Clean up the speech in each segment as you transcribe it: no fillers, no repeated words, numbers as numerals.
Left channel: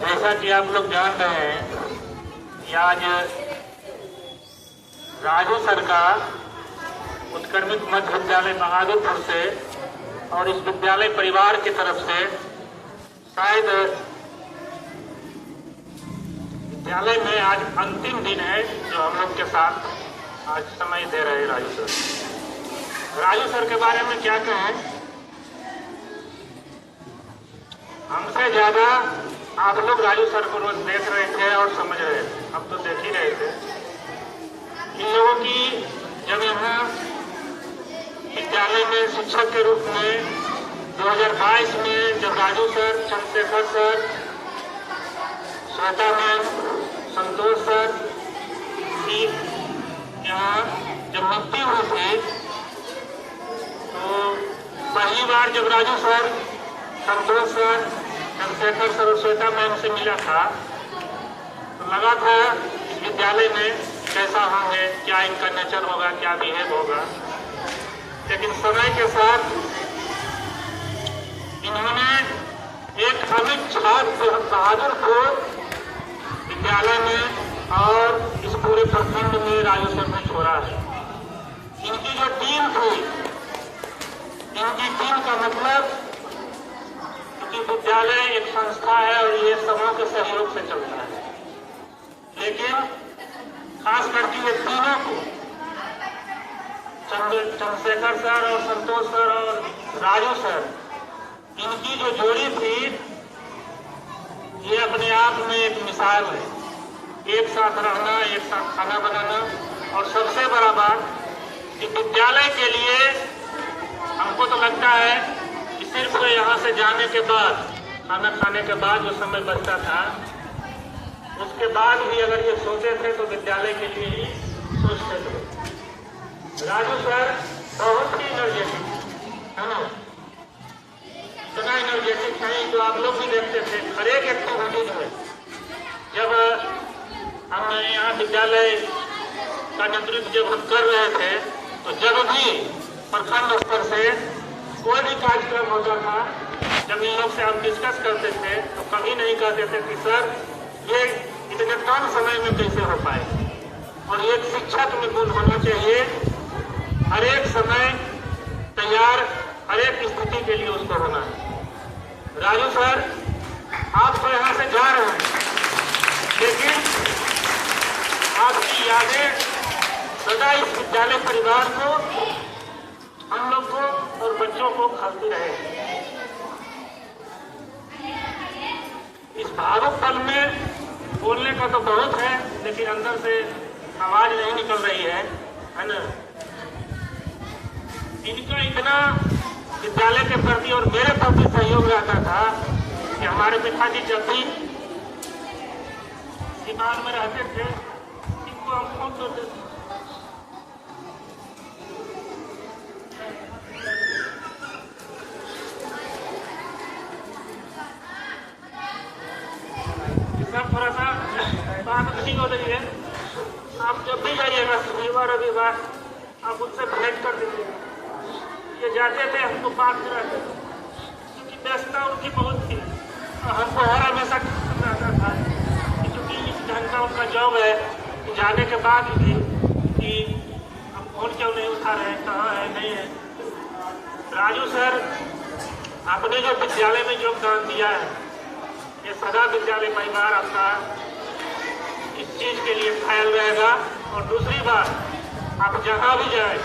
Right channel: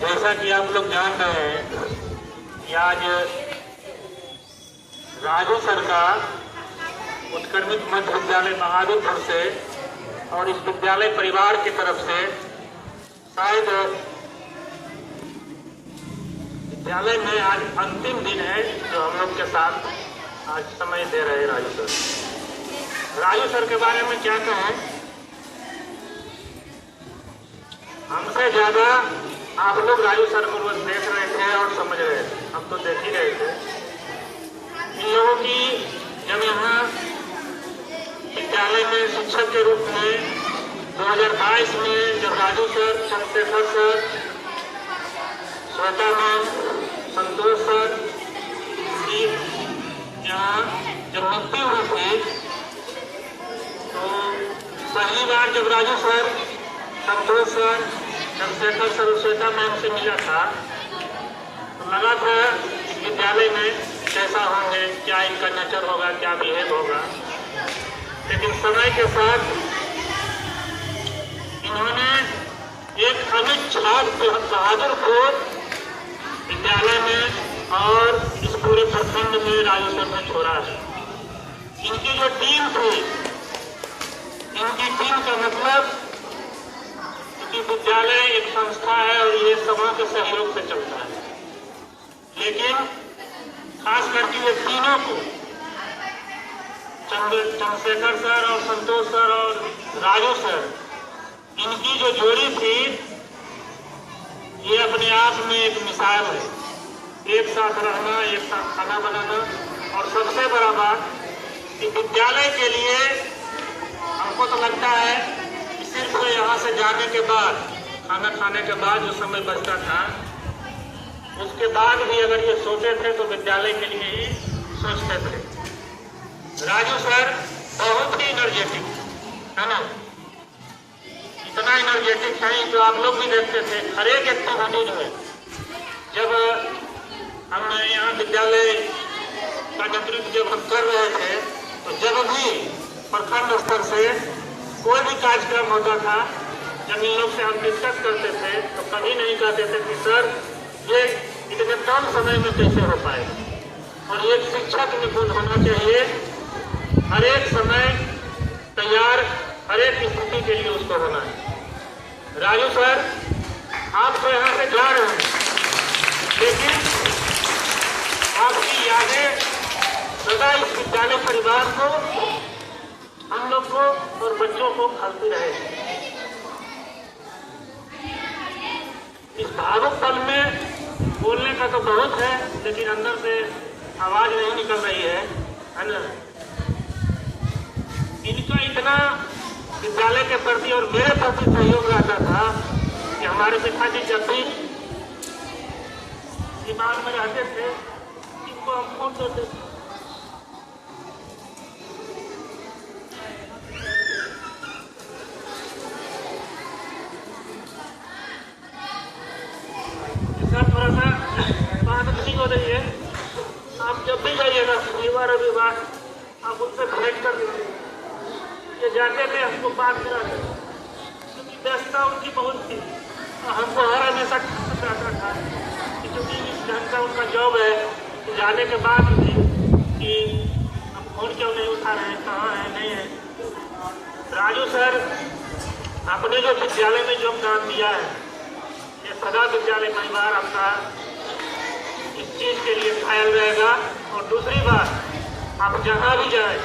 जैसा कि आप लोग जान रहे हैं कि आज राज्य सरकार उत्क्रमित मध्य विद्यालय बहादुरपुर से और उस विद्यालय परिवार की तरफ से शायद विद्यालय में आज अंतिम दिन है जो हम लोग के साथ आज समय दे रहे हैं राजू सर। राजू सर के बारे में क्या कहूं, हमसे ज्यादा आप लोग राजू सर को रोज देख रहे थे और समझ रहे थे, हम तो देख ही रहे थे। इन लोगों की जब यहाँ विद्यालय में शिक्षक के रूप में 2022 में जब Raju sir, Chandrashekhar sir, Shweta ma'am, Santosh sir की यहाँ जब नियुक्ति हुई थी तो पहली बार जब राजू सर, संतोष सर, चंद्रशेखर सर और श्वेता मैम से मिला था तो लगा था इस विद्यालय में कैसा होंगे, क्या इनका नेचर होगा, क्या बिहेव होगा। लेकिन समय के साथ इन्होंने एक अमिट छाप बहादुरपुर विद्यालय में और इस पूरे प्रखंड में राजू सर ने छोड़ा। इनकी जो टीम थी, इनकी टीम का मतलब कि विद्यालय एक संस्था है और ये समूह के सहयोग से चलता है। लेकिन खास करके ये तीनों को, चंद्रशेखर सर और संतोष सर और राजू सर, इनकी जो जोड़ी थी ये अपने आप में एक मिसाल है। एक साथ रहना, एक साथ खाना बनाना और सबसे बड़ा बात कि विद्यालय के लिए हमको तो लगता है सिर्फ यहाँ से जाने के बाद, खाना खाने के बाद जो समय बचता था उसके बाद भी अगर ये सोचे थे तो विद्यालय के लिए ही सोचते थे। राजू सर बहुत ही एनर्जेटिक है ना, इतना एनर्जेटिक है जो आप लोग भी देखते थे हर एक एक्टिविटीज में। जब हम यहाँ विद्यालय का नेतृत्व जब हम कर रहे थे तो जब भी प्रखंड स्तर से कोई भी कार्यक्रम होता था, जब इन लोग से हम डिस्कस करते थे तो कभी नहीं कहते थे कि सर ये इतने कम समय में कैसे हो पाए। और एक शिक्षक निपुण होना चाहिए, हर एक समय तैयार, हर एक स्थिति के लिए उसको होना है। राजू सर आप तो यहाँ से जा रहे हैं लेकिन आपकी यादें सदा इस विद्यालय परिवार को, हम लोग को और बच्चों को खाती रहे। इस भावुक पल में बोलने का तो बहुत है लेकिन अंदर से आवाज नहीं निकल रही है ना। इनका इतना विद्यालय के प्रति और मेरे प्रति सहयोग रहता था कि हमारे पिताजी जब भी दिमाग में रहते थे इनको हम फोन करते थे। सर थोड़ा सा बात ठीक हो रही है, आप जब भी जाइएगा शनिवार रविवार आप उनसे भेंट कर दीजिए। ये जाते थे हमको बात कराते थे क्योंकि व्यस्तता उनकी बहुत थी और हमको हर हमेशा चाहता था क्योंकि इस ढंग का उनका जॉब है कि जाने के बाद भी कि हम फोन क्यों नहीं उठा रहे हैं, कहाँ है, नहीं है। राजू सर आपने जो विद्यालय में योगदान दिया है ये सदा विद्यालय परिवार आपका इस चीज के लिए कायल रहेगा। और दूसरी बात, आप जहाँ भी जाए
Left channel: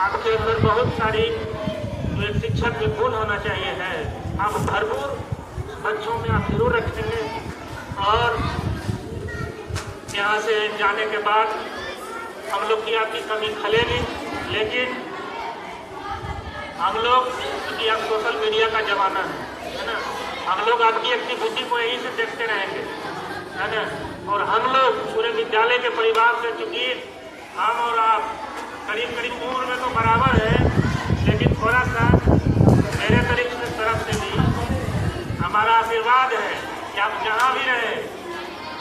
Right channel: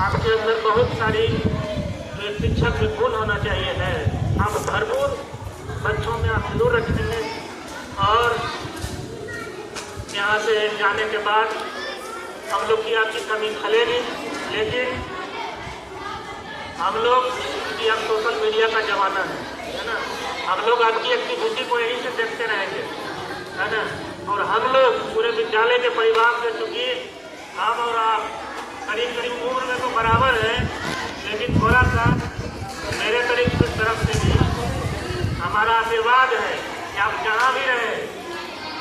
आपके अंदर बहुत सारी जो एक शिक्षक में गुण होना चाहिए है, आप भरपूर बच्चों में आप जरूर रखेंगे। और यहाँ से जाने के बाद हम लोग की आपकी कमी खलेगी, लेकिन हम लोग क्योंकि अब सोशल मीडिया का जमाना है ना, हम लोग आपकी एक्टिविटी को यहीं से देखते रहेंगे है ना। और हम लोग पूरे विद्यालय के परिवार से, क्योंकि हम और आप करीब करीब उम्र में तो बराबर है लेकिन थोड़ा सा मेरे तरफ से भी हमारा आशीर्वाद है कि आप जहाँ भी रहे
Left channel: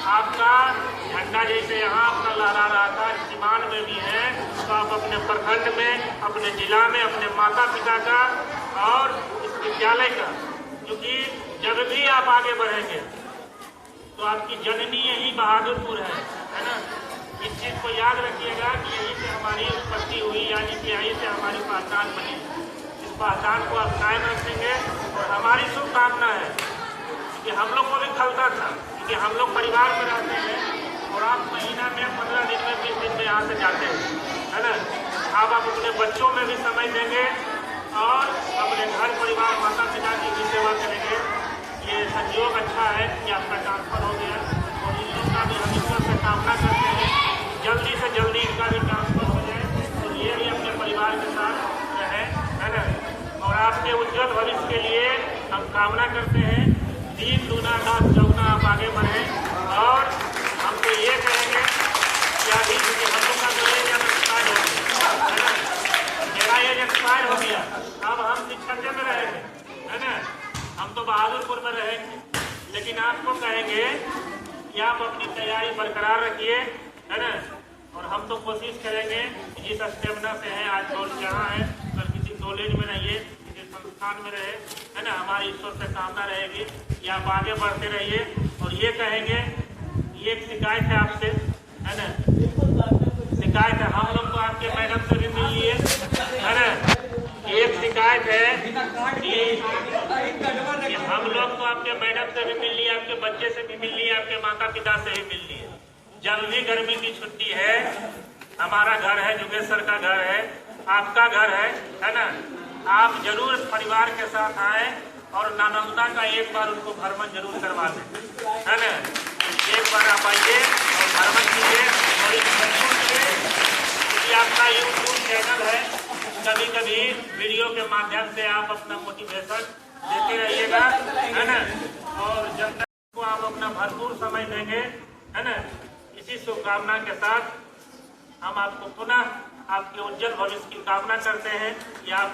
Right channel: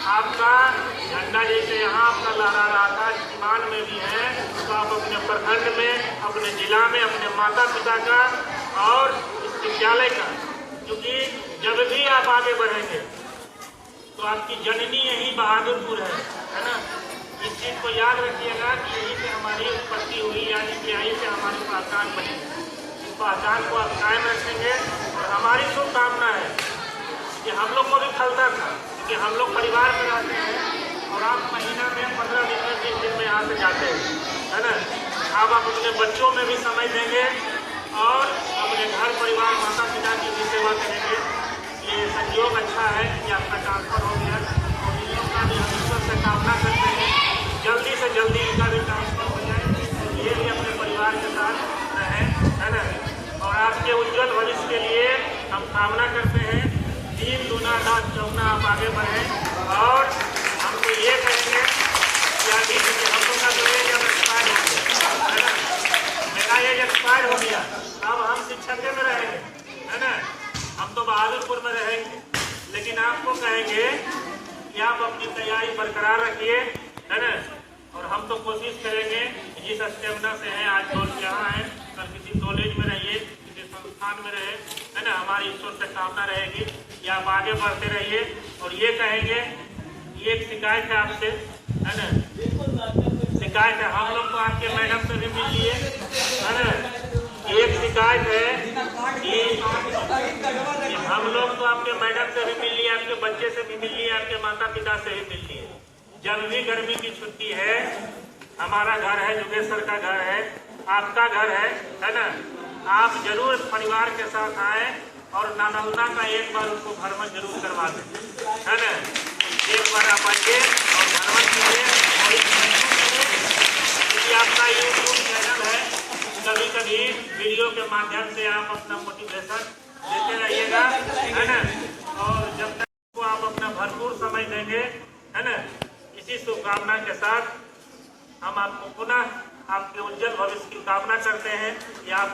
आपका झंडा जैसे यहाँ आपका लहरा रहा था सीमान में भी है, तो आप अपने प्रखंड में, अपने जिला में, अपने माता पिता का और इस विद्यालय का, क्योंकि जब भी आप आगे बढ़ेंगे तो आपकी जननी यही बहादुरपुर है ना। इस चीज को याद रखिएगा कि यहीं से हमारी उत्पत्ति हुई, यानी कि यहीं से हमारी पहचान बनी। इस पहचान को आप कायम रखेंगे और हमारी शुभकामना है कि हम लोग को भी खलता था कि हम लोग परिवार में रहते हैं और आप महीना में 15 दिन में 20 दिन में यहाँ से जाते हो, है ना। अब आप अपने बच्चों में भी समय देंगे और अपने घर परिवार माता पिता की भी सेवा करेंगे। ये संयोग अच्छा है कि आपका ट्रांसफर हो गया और इन लोग का भी हम ईश्वर से कामना करते हैं जल्दी से जल्दी इनका भी ट्रांसफर हो जाए और ये भी अपने परिवार के साथ रहें, है ना। और आपके उज्जवल भविष्य के लिए हम कामना करते हैं 3 दूना 10 चौगुना आप आगे बढ़ें। और हम तो ये कहेंगे कि अभी हम लोग का जो एज अब एक्सपायर हो गया, है ना। मेरा एज एक्सपायर हो गया, अब हम शिक्षक में रहेंगे, है ना। हम तो बहादुरपुर में रहेंगे, लेकिन आपको कहेंगे कि आप अपनी तैयारी बरकरार रखिए, है ना। और हम तो कोशिश करेंगे जिस स्टेमिना से है, आज रोज यहाँ है, कल किसी कॉलेज में रहिए, किसी संस्थान में रहे, है ना। हमारी ईश्वर से कामना रहेगी कि आप आगे बढ़ते रहिए। और ये कहेंगे, ये एक शिकायत है आपसे, है ना। शिकायत है, हम लोग तो आपके मैडम से भी मिल लिए, है ना। एक शिकायत है कि हम लोग तो आपके मैडम से भी मिल लिए, आपके बच्चे से भी मिल लिए, आपके माता पिता से भी मिल लिए। जब भी गर्मी की छुट्टी है, हमारा घर है, जोगेश्वर का घर है, आपका घर है ना। आप जरूर परिवार के साथ आए और नानौना का एक बार उनको भ्रमण जरूर करवा दें, है ना। एक बार आप आइए और भ्रमण कीजिए और इस क्योंकि आपका यूट्यूब चैनल है, कभी कभी वीडियो के माध्यम से आप अपना मोटिवेशन देते रहिएगा, है ना। और जब तक को आप अपना भरपूर समय देंगे, है ना। इसी शुभकामना के साथ हम आपको पुनः आपके उज्जवल भविष्य की कामना करते हैं कि आप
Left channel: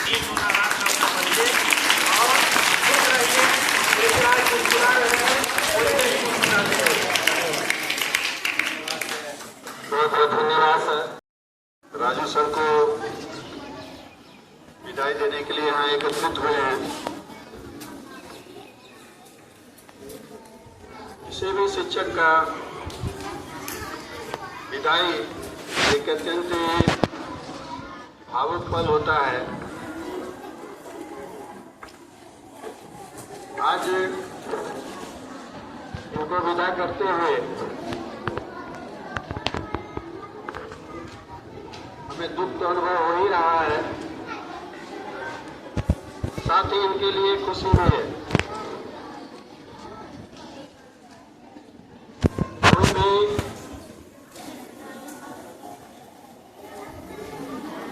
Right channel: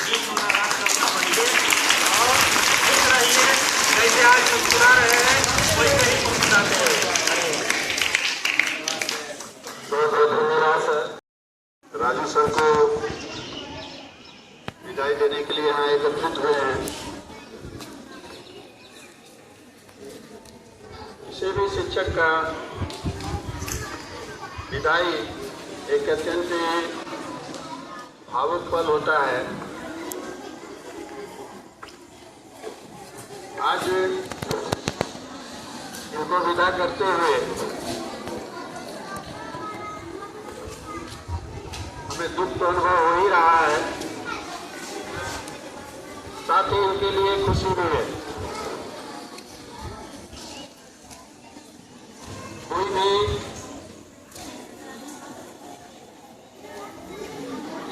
ठीक होना रहिए और खुश रहिए, जैसे आज मुस्कुरा रहे हैं वैसे ही मुस्कुराते रहिए। बहुत बहुत धन्यवाद सर। राजू सर को विदाई देने के लिए यहाँ एकत्रित हुए हैं। किसी भी शिक्षक का विदाई एक अत्यंत भावुक पल होता है। आज उनको विदा करते हुए हमें दुख तो अनुभव हो ही रहा है, साथ ही उनके लिए खुशी भी है। कोई भी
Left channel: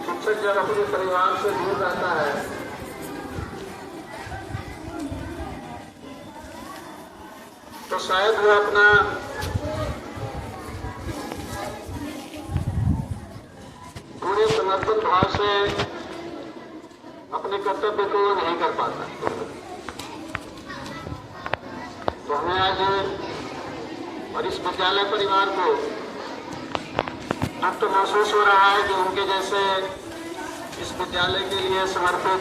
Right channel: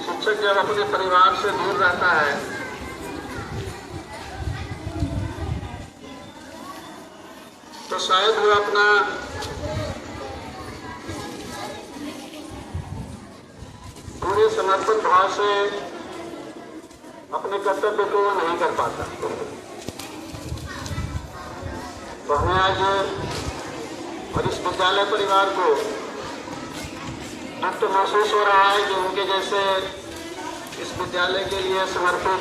शिक्षक जब अपने परिवार से दूर रहता है तो शायद वो अपना पूरे समर्पण भाव से अपने कर्तव्य को नहीं कर पाता। तो हमें आज और इस विद्यालय परिवार को अब तो महसूस हो रहा है कि उनके जैसे इस विद्यालय के लिए समर्पित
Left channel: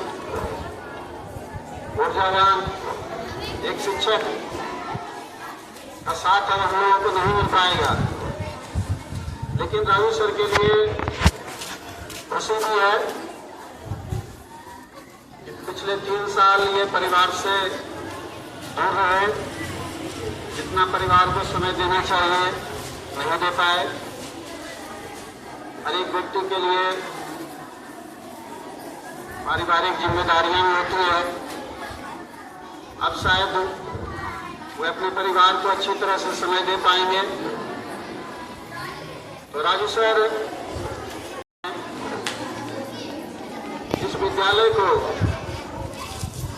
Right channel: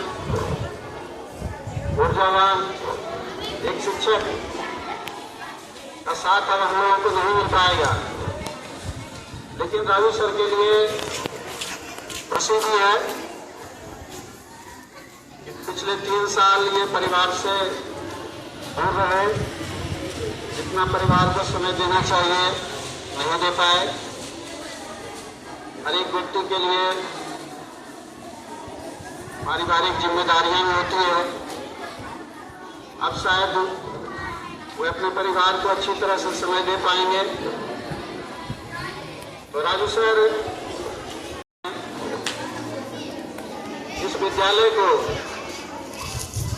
ऊर्जावान एक शिक्षक का साथ अब हम लोगों को नहीं मिल पाएगा। लेकिन राजू सर के लिए प्रसिद्धि है कि पिछले 3 साल ये परिवार से दूर रहे, जितना परिवार को समय देना चाहिए नहीं दे पाए। हर एक व्यक्ति के लिए पारिवारिक जिम्मेदारियां होती है। अब शायद वो अपने परिवार को अच्छी तरह से समय दे पाएंगे। तो राजू सर इस विद्यालय को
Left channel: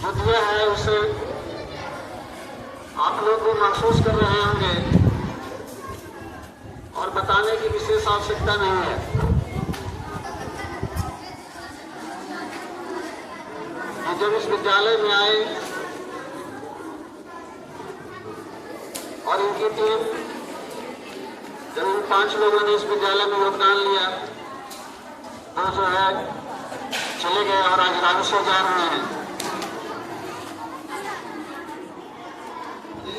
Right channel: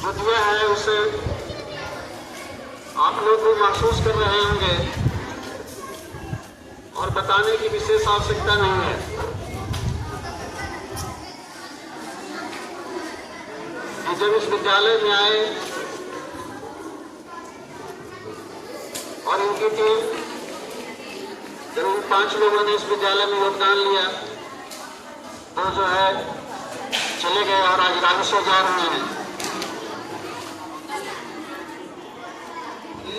जो दिया है उसे आप लोग भी महसूस कर रहे होंगे और बताने की विशेष आवश्यकता नहीं है कि जब इस विद्यालय में आए और इनकी टीम, जब इन 5 लोगों ने इस विद्यालय में योगदान लिया तो जो है चले गए और आज राजू सर जा रहे हैं। इस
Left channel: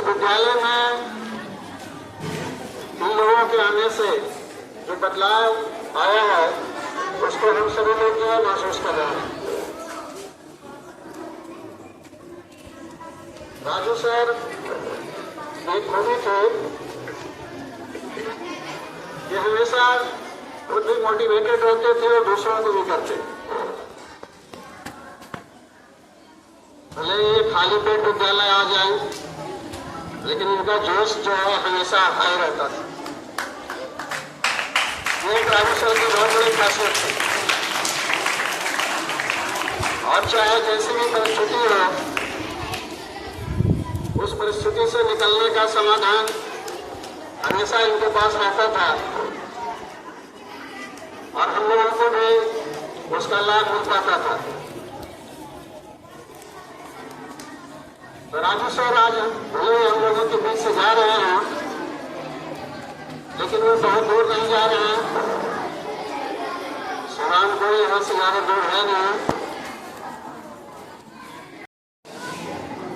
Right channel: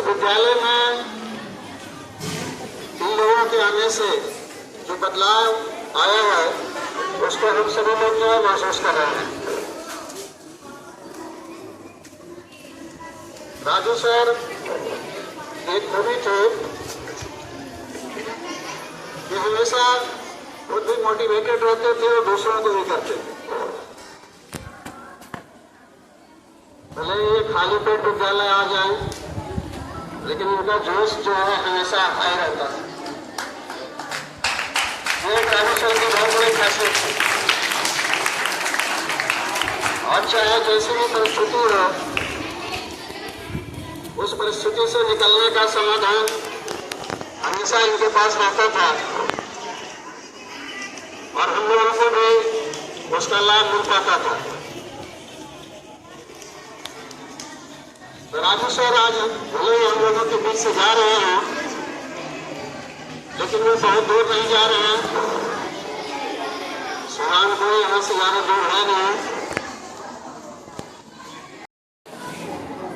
विद्यालय में इन लोगों के आने से जो बदलाव आया है उसको हम सभी लोग जो है महसूस कर रहे हैं। राजू सर एक कवि थे जो हमेशा खुद भी मोटिवेटेड रहते थे और दूसरों को भी करते। भले ये खाली पेट विद्यालय आ जाए लेकिन उनका जोश जो है हमेशा हाई रहता था। ये राजू सर की बहुत बड़ी खासियत थी। और चाहे जैसी भी परिस्थिति हो उस परिस्थिति से निकलने का समाधान हमेशा इनके पास रहता था और हम लोगों को भी उसका लाभ मिल पाता था। तो राजू सर आज भले हम लोगों के बीच से जा रहे हैं लेकिन वे बहुत दूर नहीं जा रहे हैं। सुनाम को यहाँ से ज्यादा दूर है नहीं,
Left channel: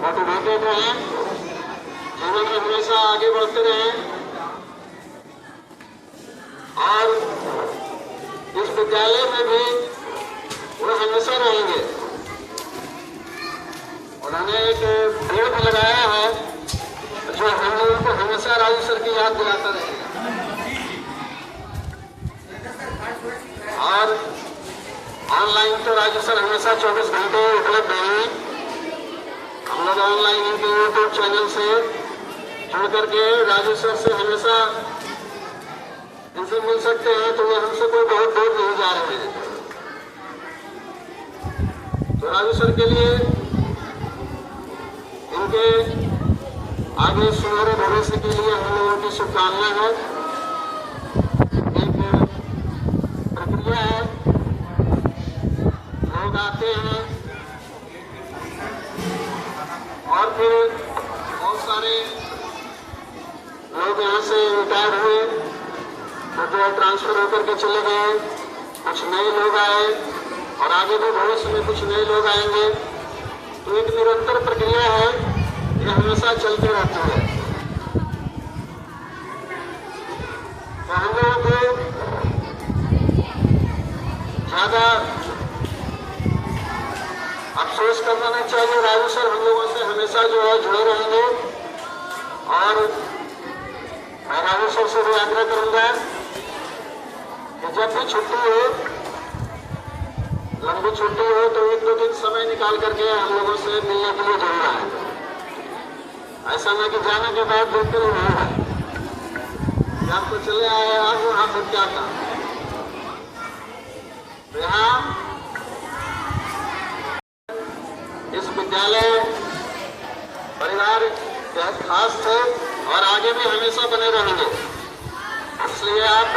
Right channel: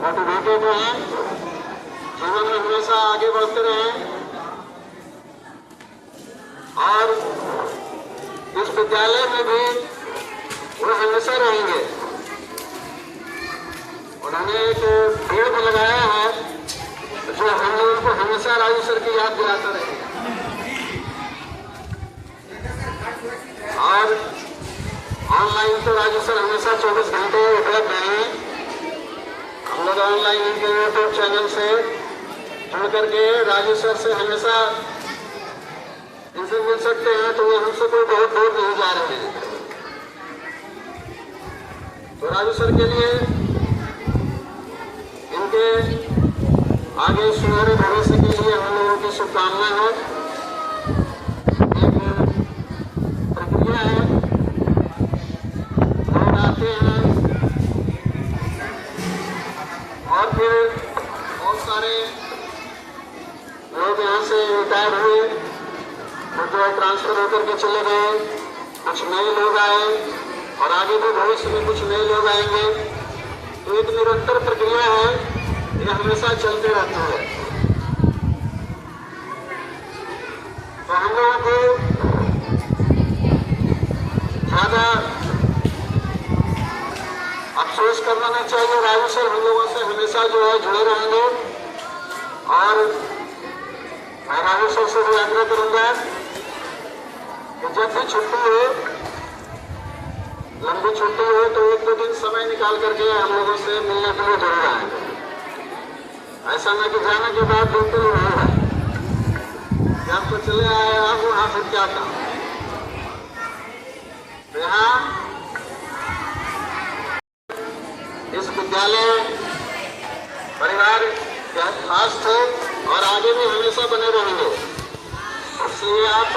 मोटिवेटेड रहे, जीवन में हमेशा आगे बढ़ते रहे और इस विद्यालय में भी वो हमेशा रहेंगे। उन्होंने एक पेड़ भी लगाया है जो हम लोगों को हमेशा राजू सर की याद दिलाता रहेगा। और ऑनलाइन तो राजू सर हमेशा 24 घंटे उपलब्ध हैं। हम लोग ऑनलाइन इनके यूट्यूब चैनल से जुड़ करके राजू सर से हमेशा इनसे मिल सकते हैं, तो वो हमसे कोई बहुत दूर नहीं जा रहे हैं। तो राजू सर के लिए इनके आगे सुनहरे भविष्य के लिए हम लोगों की शुभकामनाएं हैं। एक प्रक्रिया है, लोग आते हैं और फिर बहुत सारे लोग यहाँ से रिटायर हुए, तो ट्रांसफर होकर के चले गए, कुछ नए लोग आए और आगे भी भविष्य में कुछ नए लोग आएंगे। तो एक निरंतर प्रक्रिया है जो हमेशा चलते रहती है। तो हम लोगों को ज्यादा अफसोस करना नहीं चाहिए। राजू सर हम लोगों से हमेशा जो है जुड़े रहेंगे और मैं राजू सर से भी आग्रह करूंगा कि जब भी छुट्टी हो, लंबी छुट्टी हो, तो 1-2 दिन समय निकाल करके हम लोगों से मिलने के लिए जरूर आएंगे। ऐसा ना कि जाने के बाद बिल्कुल नहीं है कि आपको चले आए आप वहां फिर क्या काम। तो यहाँ इस विद्यालय परिवार बहुत खास थे और आगे भी हमेशा बने रहेंगे। इसलिए आप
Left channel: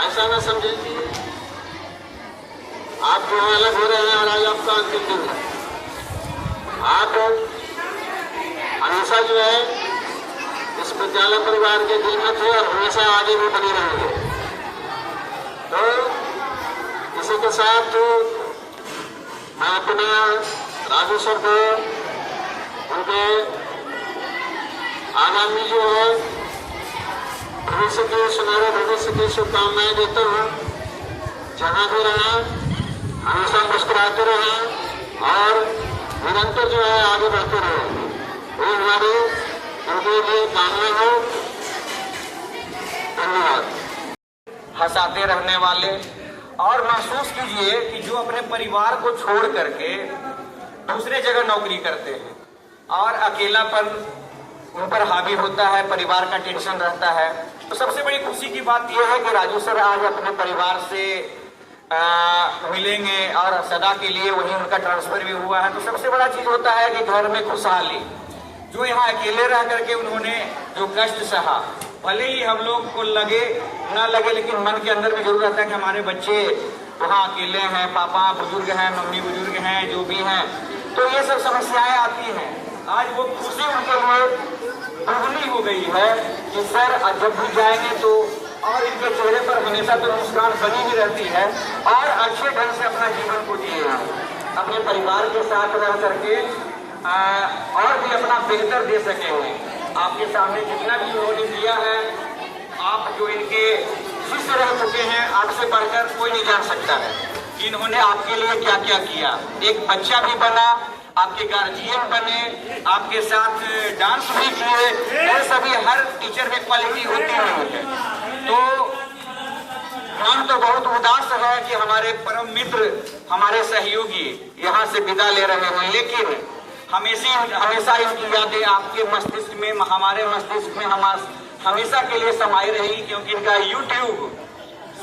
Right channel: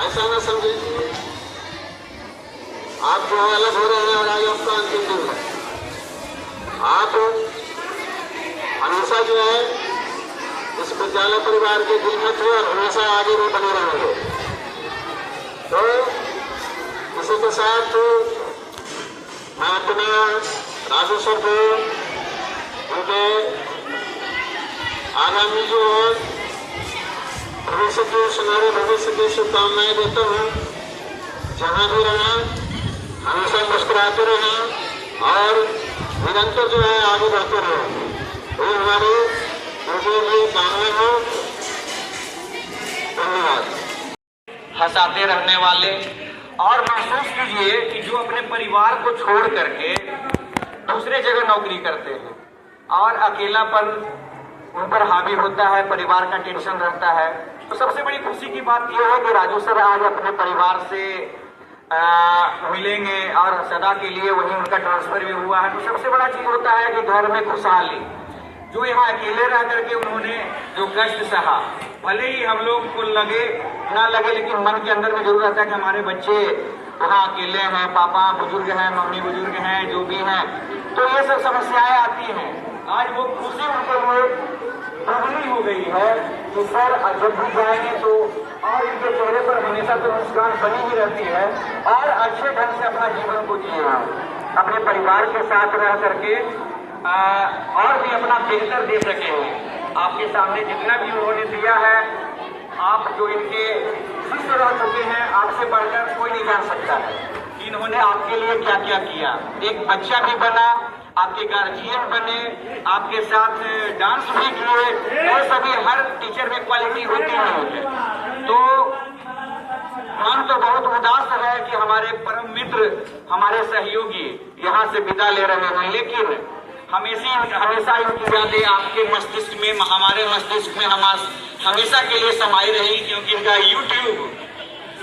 ऐसा न समझिए कि आप जो है अलग हो रहे हैं और आज आपका अंतिम दिन है। आप हमेशा जो है इस विद्यालय परिवार के दिल में थे और हमेशा आगे भी बने रहेंगे। तो इसी के साथ मैं अपने राजू सर को उनके आगामी जो है भविष्य की सुनहरे भविष्य की शुभकामनाएं देता हूँ। जहाँ भी रहें हमेशा मुस्कुराते रहें और निरंतर जो है आगे बढ़ते रहें। वो हमारे उनके लिए कामना हो। धन्यवाद। हंसाते रहने वाले और महसूस कीजिए कि जो अपने परिवार को छोड़ करके दूसरे जगह नौकरी करते हैं और अकेलापन उन पर हावी होता है, परिवार का टेंशन रहता है, तो सबसे बड़ी खुशी की बात यह है कि राजू सर आज अपने परिवार से मिलेंगे और सदा के लिए वहीं उनका ट्रांसफर भी हुआ है। तो सबसे बड़ा चीज होता है कि घर में खुशहाली। जो यहाँ अकेले रह करके उन्होंने जो कष्ट सहा, भले ही हम लोग को लगे ना लगे, लेकिन मन के अंदर में जरूर रहता है कि हमारे बच्चे वहाँ अकेले हैं, पापा बुजुर्ग हैं, मम्मी बुजुर्ग हैं, जो भी हैं, तो ये सब समस्याएं आती हैं। आज वो खुशी उनके लिए दोगुनी हो गई है कि सर जब भी जाएंगे तो और इनके चेहरे पर हमेशा तो मुस्कान बनी ही रहती है और अच्छे ढंग से अपना जीवन को जिए हैं, अपने परिवार के साथ रह करके और भी अपना बेहतर दे सके हुए। आपके सामने जितना भी उन्होंने दिया है, आप जो इनके शिष्य रह चुके हैं, आपसे बढ़कर कोई नहीं जान सकता है कि इन्होंने आपके लिए क्या क्या किया। एक बच्चा भी बना, आपके गार्जियन बने, आपके साथ डांस भी किए, ये सभी हर टीचर में क्वालिटी होती है। तो मन तो बहुत उदास है कि हमारे परम मित्र, हमारे सहयोगी यहाँ से विदा ले रहे हैं, लेकिन हमेशा इनकी यादें आपके मस्तिष्क में, हमारे मस्तिष्क में हमेशा के लिए समाई रही, क्योंकि इनका यूट्यूब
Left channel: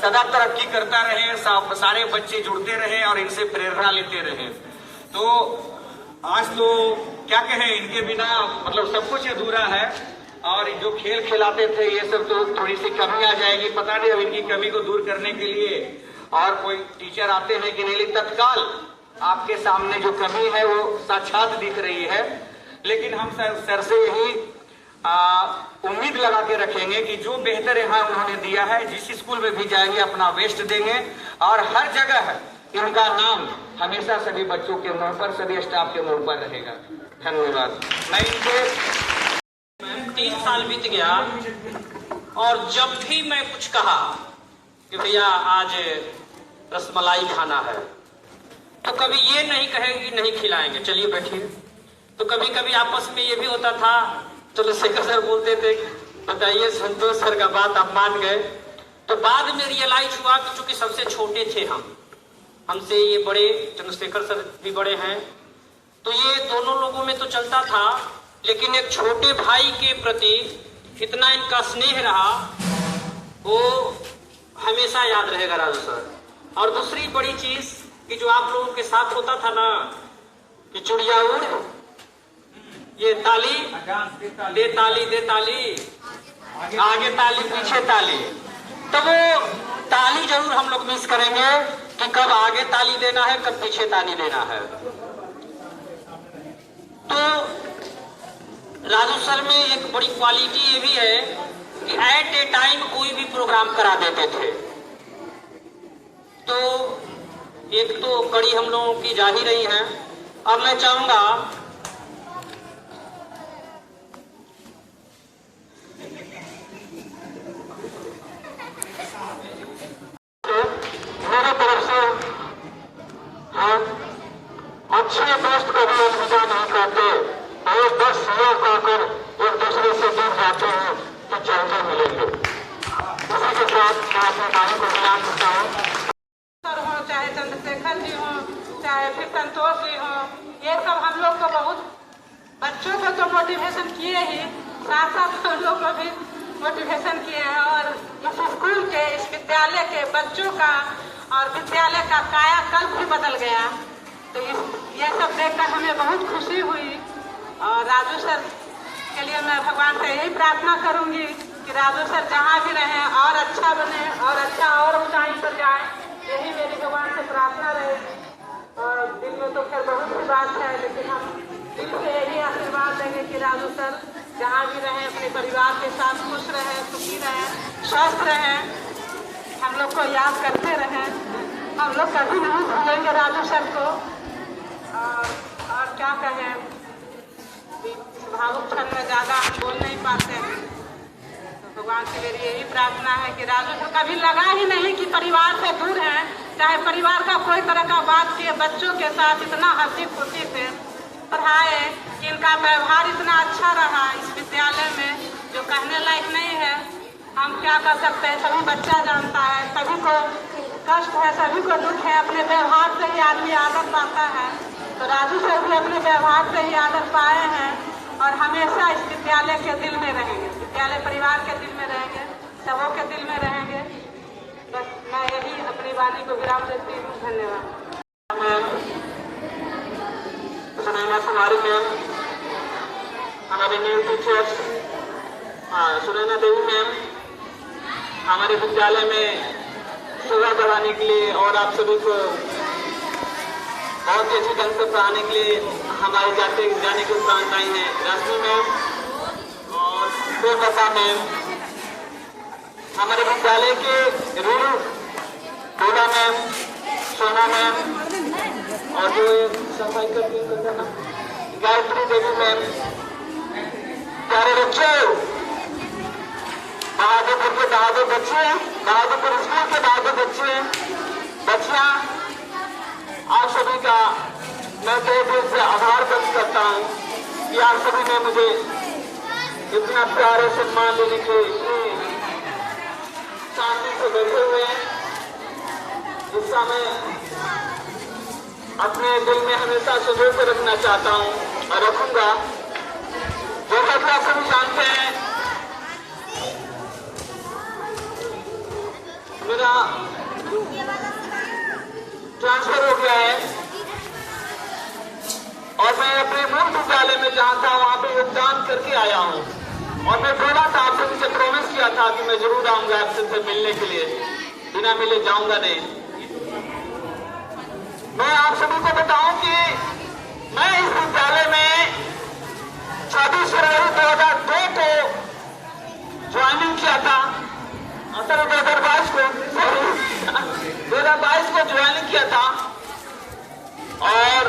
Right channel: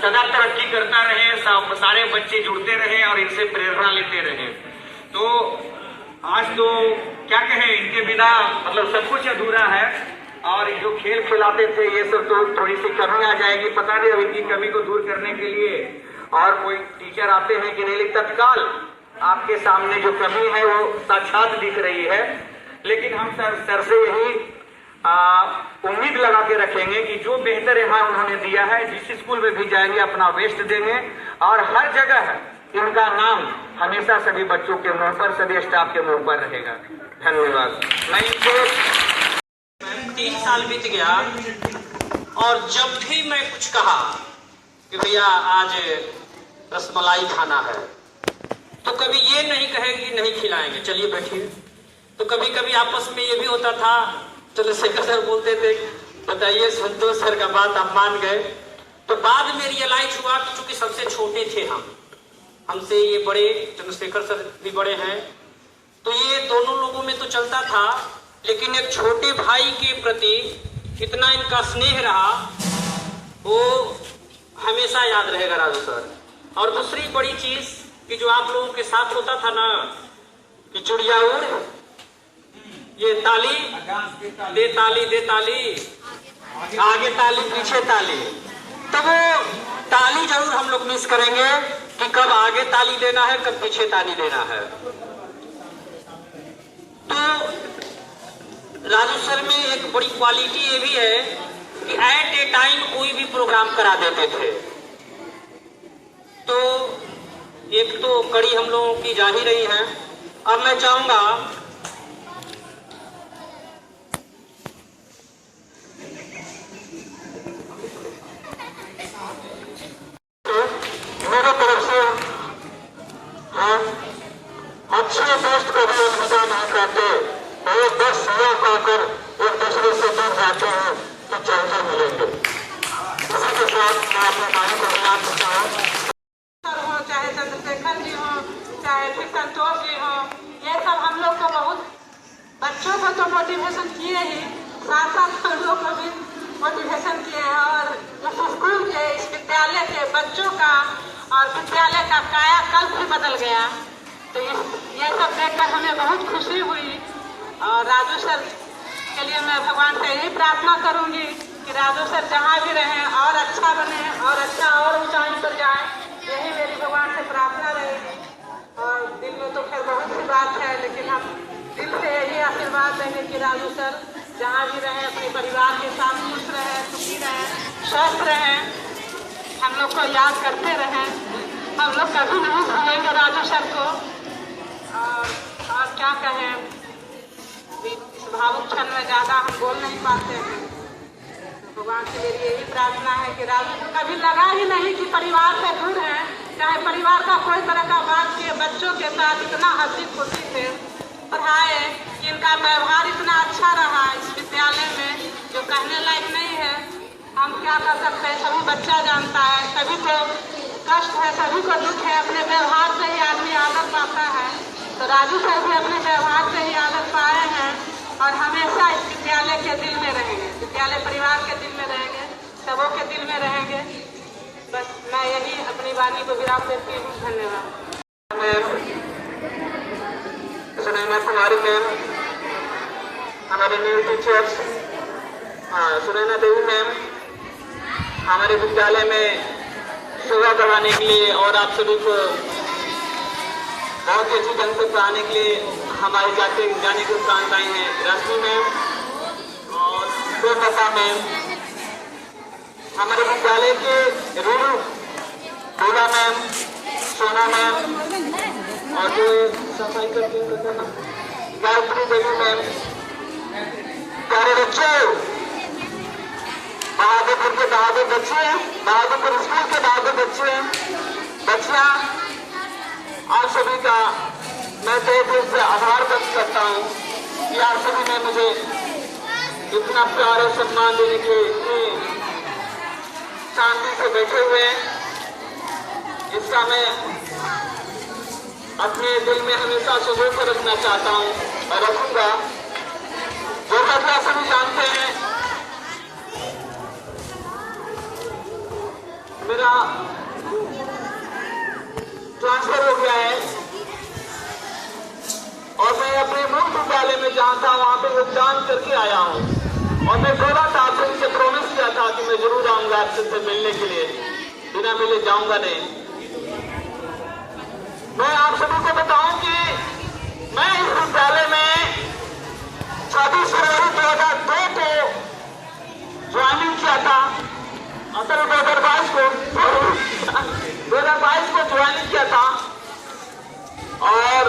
सदा तरक्की करता रहे, सारे बच्चे जुड़ते रहे और इनसे प्रेरणा लेते रहे। तो आज तो क्या कहें, इनके बिना मतलब सब कुछ अधूरा है। और जो खेल खिलाते थे ये सब तो थोड़ी सी कमी आ जाएगी, पता नहीं अब इनकी कमी को दूर करने के लिए और कोई टीचर आते हैं कि नहीं, लेकिन तत्काल आपके सामने जो कमी है वो साक्षात दिख रही है। लेकिन हम सर से यही उम्मीद लगा के रखेंगे कि जो बेहतर यहाँ उन्होंने दिया है, जिस स्कूल में भी जाएंगे अपना बेस्ट देंगे और हर जगह इनका नाम हमेशा सभी बच्चों के मुंह पर, सभी स्टाफ के मुंह पर रहेगा। धन्यवाद। मैं इनको 3 साल बीत गया और जब भी मैं कुछ कहा कि भैया आज रसमलाई खाना है, तो कभी ये नहीं कहे कि नहीं खिलाएंगे, चलिए बैठिए। तो कभी कभी आपस में ये भी होता था, चंद्रशेखर सर बोलते थे बताइए संतोष सर का बात आप मान गए। तो बाद में रियलाइज हुआ कि चूंकि सबसे छोटे थे हमसे ये बड़े, चंद्रशेखर सर भी बड़े हैं, तो ये दोनों लोगों में तो चलता था, लेकिन एक छोटे भाई के प्रति इतना इनका स्नेह रहा, वो हमेशा याद रहेगा राजू सर। और दूसरी बड़ी चीज कि जो आप लोगों के साथ होता था ना कि चिड़िया उड़, ये ताली दे ताली दे ताली, आगे ताली पीछे ताली, तो वो ताली जरूर हम लोग मिस करेंगे कि कब आगे ताली देना है, कब पीछे ताली देना है। तो राजू सर में एक बड़ी क्वालिटी ये भी है कि एट ए टाइम कोई भी प्रोग्राम करा देते थे। तो एक तो कड़ी हम लोगों की जा ही रही है। अब मैं चाहूंगा मेरे तरफ से हम अच्छे दोस्त को भी अलविदा नहीं कहते, और 10 साल कहकर एक दूसरे से दूर जाते हैं तो चलते मिलेंगे। इसी के साथ मैं अपने बारे को बयान करता हूँ। सर हो, चाहे चंद्रशेखर जी हो, चाहे फिर संतोष जी हो, ये सब हम लोग को बहुत, बच्चों को तो मोटिवेशन किए ही, साथ साथ हम लोग को भी मोटिवेशन किए हैं। और इस स्कूल के, इस विद्यालय के बच्चों का और विद्यालय का कायाकल्प भी बदल गया। तो ये सब देखकर हमें बहुत खुशी हुई। और राजू सर के लिए मैं भगवान से यही प्रार्थना करूंगी कि राजू सर जहाँ भी रहें और अच्छा बने और अच्छा और ऊंचाई पर जाए, यही मेरी भगवान से प्रार्थना रहे। और दिल में तो खैर बहुत सी बात है, लेकिन हम दिल से यही आशीर्वाद देंगे कि राजू सर जहाँ भी रहें अपने परिवार के साथ खुश रहें, सुखी रहें, स्वस्थ रहें, हम लोग को याद करते रहें। हम लोग कभी नहीं भूलेंगे राजू सर को। और क्या कहें, इस भावुक क्षण में ज़्यादा हम बोल नहीं पाते हैं। तो भगवान से मेरी यही प्रार्थना है कि राजू को कभी लगा ही नहीं कि परिवार से दूर है, चाहे परिवार का कोई तरह का बात किए, बच्चों के साथ इतना हंसी खुशी थे, पढ़ाए, इनका व्यवहार इतना अच्छा रहा इस विद्यालय में, जो कहने लायक नहीं है। हम क्या कर सकते हैं, सभी बच्चा जानता है, सभी को कष्ट है, सभी को दुख है, अपने व्यवहार से ही आदमी आदत पाता है। तो राजू सर भी अपने व्यवहार से ही आदत पाए हैं और हमेशा इस विद्यालय के दिल में रहेंगे, विद्यालय परिवार के दिल में रहेंगे, सबों के दिल में रहेंगे। बस मैं यही अपनी बात को विराम देती हूँ। धन्यवाद। सुनैना कुमारी मैम, हमारे न्यू टीचर्स, सुनैना देवी मैम, हमारे विद्यालय में सेवा कराने के लिए और आप सभी को बहुत अच्छी ढंग से पढ़ाने के लिए हमारे जाने की प्रार्थनाएं हैं। रश्मि मैम और देवलता मैम, हमारे विद्यालय के रूरू भोला मैम, सोना मैम और जो गायत्री देवी मैम, प्यारे बच्चों, बहादुरपुर के बहादुर बच्चे, बहादुरपुर स्कूल के बहादुर बच्चे, बच्चियां, आप सभी का मैं तहे दिल से आभार व्यक्त करता हूँ कि आप सभी ने मुझे इतना प्यारे सम्मान देने के इतनी शांति से बैठे हुए हैं, इसका मैं अपने दिल में हमेशा सुबह से रखना चाहता हूँ और रखूंगा। जैसा कि आप सभी जानते हैं, मेरा ट्रांसफर हो गया है और मैं अपने मूल विद्यालय में जहाँ था वहाँ पे योगदान करके आया हूँ और मैं बोला था, आपसे उनसे प्रॉमिस किया था कि मैं जरूर आऊंगा आपसे मिलने के लिए, बिना मिले जाऊंगा नहीं। मैं आप सभी को बताऊं कि मैं इस विद्यालय में 26 फरवरी 2002 को ज्वाइनिंग किया था, असल 2022 को ज्वाइन किया था और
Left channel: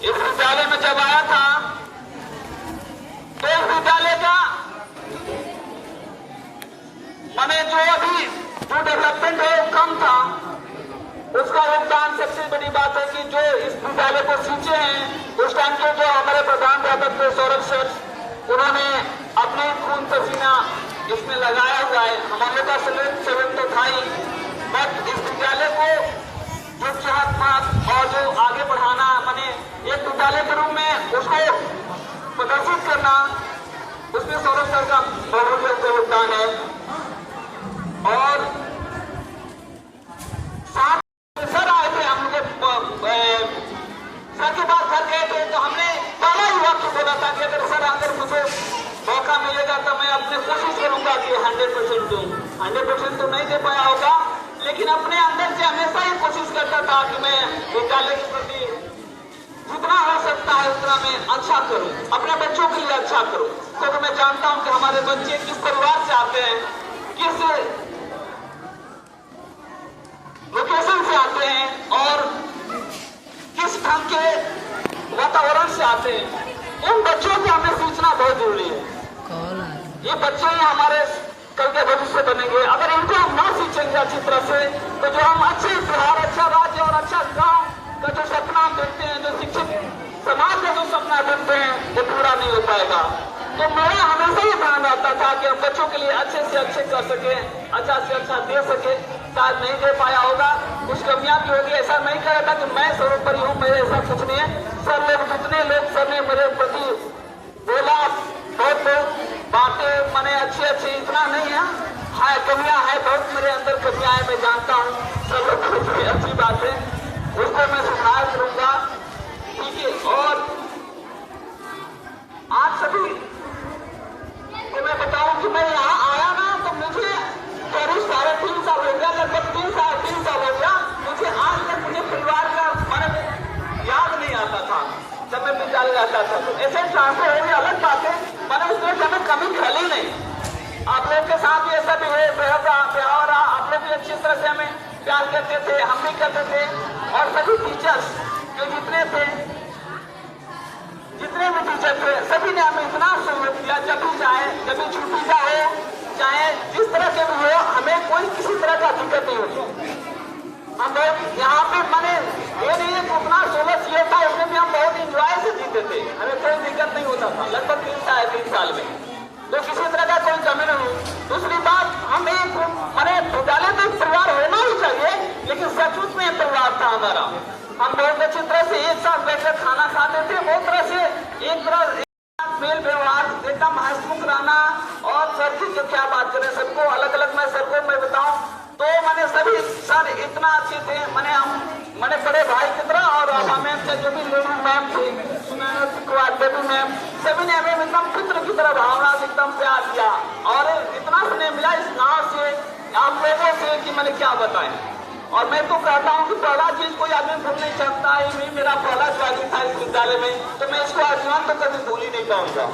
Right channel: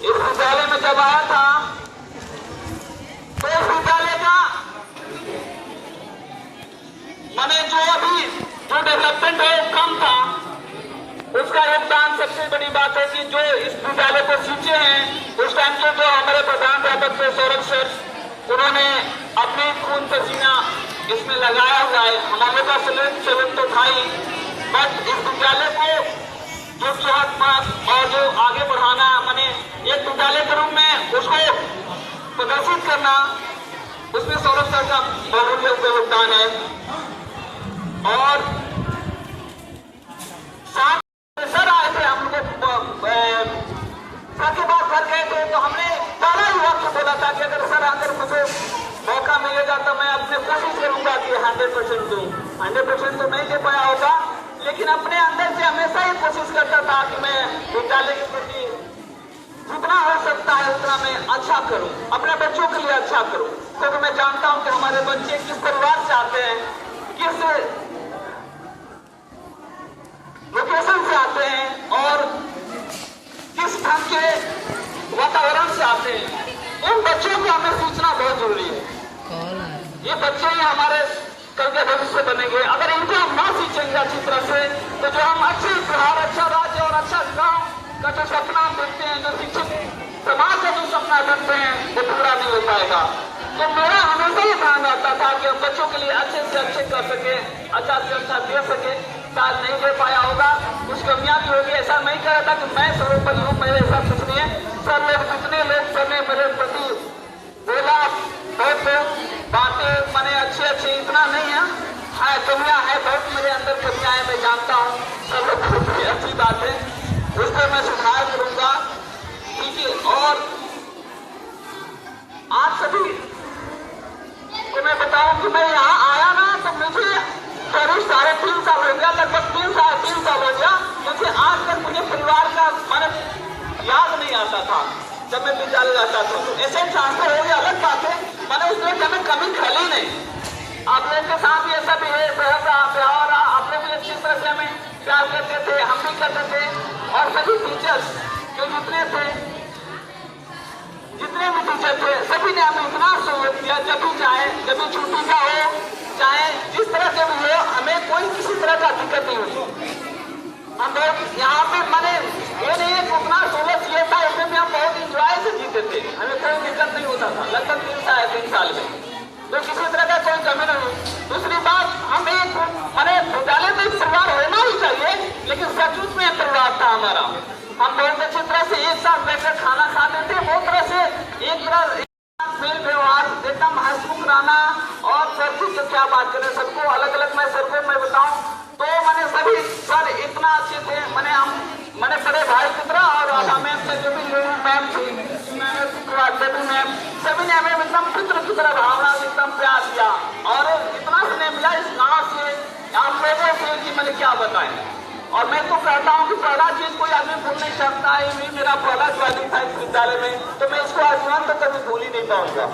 इस विद्यालय में जब आया था तो इस विद्यालय का मैंने जो अभी जो डेवलपमेंट है वो कम था, उसका योगदान सबसे बड़ी बात है कि जो इस विद्यालय को सींचे हैं उस टाइम के जो हमारे प्रधानाध्यापक थे सौरभ सर, उन्होंने अपने खून पसीना इसमें लगाया हुआ है। हमारे पास सेवन तो था ही, बट इस विद्यालय को जो चाहत और जो आगे बढ़ाना, मैंने एक विद्यालय के रूप में उसको प्रदर्शित करना, उसमें सौरभ सर का बहुत योगदान है। और साथ सर आए थे, हम लोग सर के पास घर गए थे तो हमने पहला ही वक्त बोला था कि अगर सर आकर मुझे मौका मिलेगा तो मैं अपने कोशिश करूंगा कि 100% दूं। 100% तो नहीं दे पाया होगा, लेकिन अपने अंदर से हमेशा ही कोशिश करता था कि मैं विद्यालय के प्रति जितना हो सकता है उतना मैं अच्छा करूं, अपने बच्चों के लिए अच्छा करूं। क्योंकि मैं जानता हूं कि हमारे बच्चे किस परिवार से आते हैं, किस लोकेशन से आते हैं और किस ढंग के वातावरण से आते हैं। उन बच्चों को हमें सीखना बहुत जरूरी है। ये बच्चे ही हमारे कल के भविष्य बनेंगे। अगर इनको हम न सीखेंगे अच्छी तरह से तो जो हम अच्छे बिहार, अच्छा राज्य और अच्छा गांव का जो सपना देखते हैं, जो शिक्षित समाज का जो सपना देखते हैं, वो पूरा नहीं हो पाएगा। तो मेरा हमेशा ये ध्यान रहता था कि हम बच्चों के लिए अच्छे से अच्छे कर सके, अच्छा से अच्छा दे सके। शायद नहीं दे पाया होगा, कुछ कमियां भी होगी। ऐसा नहीं कह रहा था कि मैं सर्वोपरि हूँ, मेरे ऐसा कुछ नहीं है। सब लोग जितने लोग सब ने मेरे प्रति बोला, बहुत बातें मैंने अच्छी इतना नहीं है कमियां है, बहुत मेरे अंदर कमियां है, मैं जानता हूँ। सब लोग अच्छी बात है, उसको मैं सुधार करूंगा। ठीक है, और आप सभी तो मैं बताऊं कि मैं यहाँ आया ना तो मुझे करीब 3.5 साल हो गया, लगभग 3 साल हो गया। मुझे आज तक मुझे परिवार का याद नहीं आता था जब मैं विद्यालय जाता था। तो ऐसे ट्रांसफर हो गया, अलग बात है, मैंने उस दिन कभी कमी खली नहीं। आप लोग के साथ भी ऐसा भी है, व्यवहार आप लोग भी अच्छी तरह से हमें प्यार करते थे, हम भी करते थे। और सभी टीचर्स जो जितने भी टीचर थे, सभी ने हमें इतना सहयोग किया। जब भी चाहे, जब भी छुट्टी का हो, चाहे जिस तरह के भी हो, हमें कोई किसी तरह का दिक्कत नहीं होती। हम लोग यहाँ पे मैंने ये नहीं है कि उतना 16 सीए था, उसमें भी हम बहुत इंजॉय से जीते थे, हमें कोई दिक्कत नहीं होता था। लगभग 3 साल में तो किसी तरह का कोई कमी नहीं हुई। दूसरी बात, हम एक मैंने विद्यालय में एक परिवार होना ही चाहिए, लेकिन सचमुच में परिवार था हमारा। हम बहुत अच्छी तरह से एक साथ बैठकर खाना खाते थे, बहुत तरह से एक तरह मेल व्यवहार एकदम हंसमुख रहना। और सर की तो क्या बात करें, सबको अलग अलग मैं सर को मैं बताऊं तो मैंने सभी सर इतना अच्छे थे। मैंने बड़े भाई की तरह और मैम से जो भी मैम थी, मैम सभी ने हमें एकदम पुत्र की तरह भावना से एकदम प्यार दिया। और इतना स्नेह मिला इस गाँव से, आप लोगों से कि मैंने क्या बताएं। और मैं तो कहता हूँ कि पहला चीज कोई आदमी भूल नहीं सकता है। ये मेरा पहला ज्वाइनिंग था इस विद्यालय में, तो मैं इसको आजीवन तो कभी भूल ही नहीं पाऊंगा।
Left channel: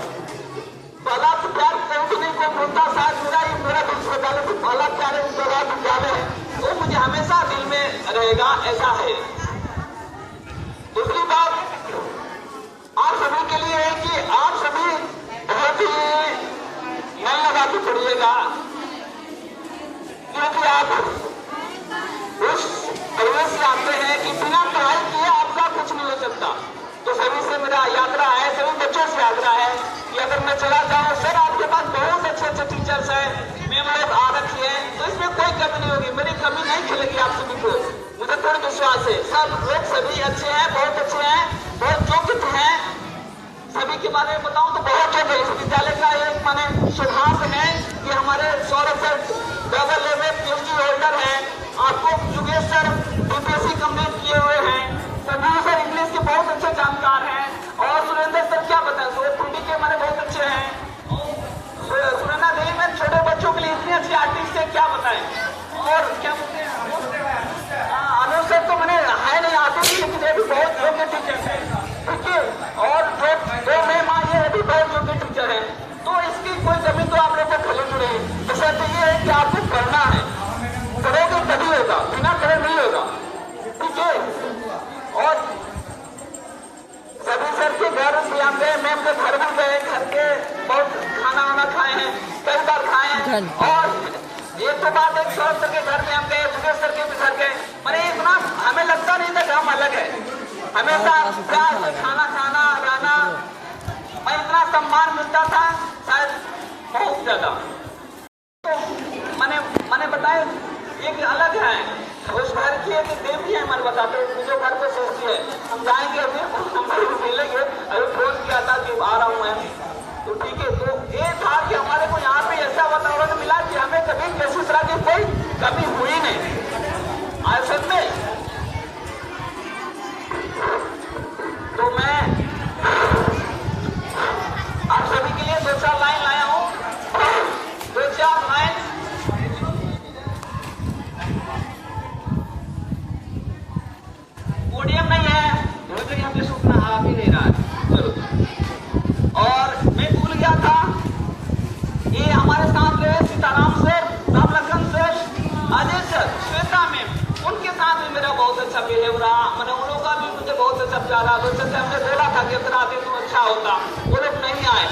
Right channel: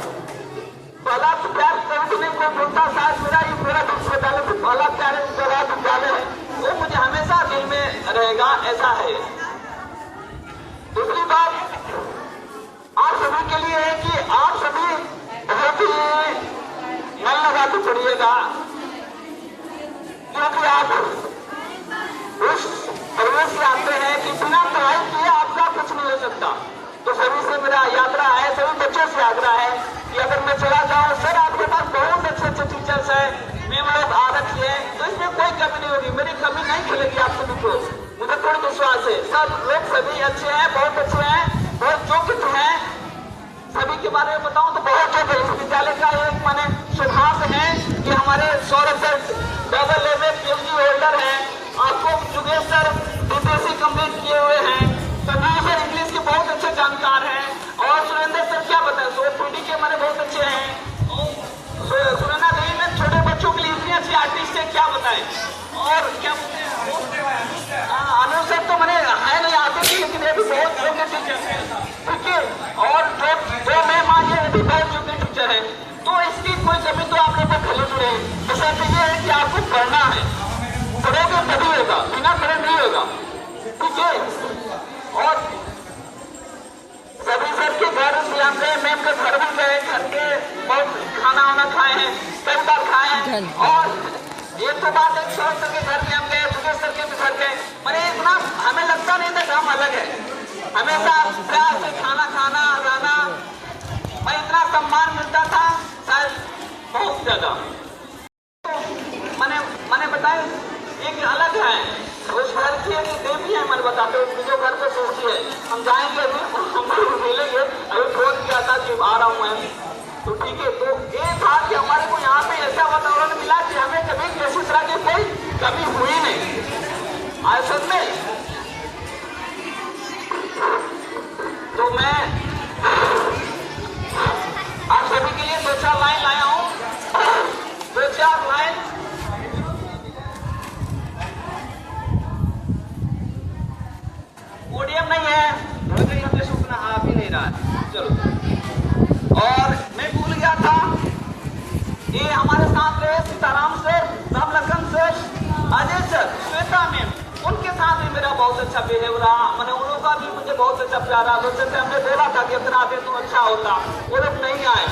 पहला प्यार कभी नहीं कोई बोलता, शायद मेरा विश्वविद्यालय से पहला प्यार विद्यालय है, वो मुझे हमेशा दिल में रहेगा, ऐसा है। दूसरी बात आप सभी के लिए है कि आप सभी बहुत ही मन लगा के पढ़िएगा, क्योंकि आप उस परिवेश से आते हैं कि बिना पढ़ाई किए आपका कुछ नहीं हो सकता। तो सभी से मेरा यात्रा है, सभी बच्चों से आग्रह है कि अगर मैं चला जाऊं, सर आपके पास बहुत अच्छे अच्छे टीचर्स हैं, मैं लोग आरक्षी है, तो इसमें कोई कमी नहीं होगी, मेरी कमी नहीं खिलेगी आप सभी को, मुझे पूर्ण विश्वास है। सब लोग सभी अच्छे हैं, बहुत अच्छे हैं, बहुत योग्य हैं। सभी के बारे में बताऊं तो बहुत योग्य इस विद्यालय का एक माने सिद्धांत है कि हमारे Saurabh sir double level PhD holder है, आपको जुगेश सर बीपीएससी कंप्लीट किए हुए हैं, संजीव सर इंग्लिश के बहुत अच्छे जानकार हैं, और सुरेंद्र सर क्या बताएं, तो पीडी के हमारे बहुत अच्छे हैं, सुनना नहीं में छोटे बच्चों के लिए इतनी अच्छी आर्टिस्ट है, क्या बताएं। और क्या बोलते हैं अनुज सर, तो मैंने है नहीं आते थे, लेकिन ये भी बहुत योग्य टीचर है, ठीक है। और जो मैम आज ये भी बहुत योग्य टीचर है, तो इसकी कोई कमी तो आप लोग को खली नहीं है। तो सर ये है कि आपको पढ़ना है, पढ़ोगे तभी होगा, बिना पढ़े नहीं होगा, ठीक है। और सभी सर के घर से हम गए, मैम के घर भी गए, घर के बहुत खाना वाना खाए हैं, कई बार खाए हैं। और ये तो बात है सौरभ सर के घर में हम गए, सुरेश सर के भी घर गए, पर इतना हमें लगता नहीं था कि हम अलग है, हमेशा प्यार से खाना खाना रहना, मैं इतना सम्मान मिलता था शायद बहुत ज्यादा। तो मैंने बताया एक अलग है, उस घर की एक देवी है, मैंने बताते जो घर पे सोचती है, हम जाएंगे अभी हम मिलेंगे, अभी फोन किया था कि आ रहा हूँ मैं, तो ठीक है। तो ये था कि हमारे को यहाँ पे ऐसा वातावरण मिला कि हमें कभी महसूस रहा कि कोई कमी हुई नहीं आज सच में। तो मैं आप सभी के लिए 2-4 लाइन लाया हूँ, 2-4 लाइन। पोडियम नहीं है, हमने सुनना आ भी नहीं रहा है, चलो। और मैं भूल गया था, ये हमारे साथ गए Sitaram sir, Ramlakhan sir, Ajay sir, Shweta ma'am, उनके साथ भी मेरा बहुत अच्छा बिहेव रहा, मैंने उन लोगों का भी मुझे बहुत अच्छा प्यारा। वैसे हमने बोला था कि अगर आते तो अच्छा होता, वो लोग नहीं आए,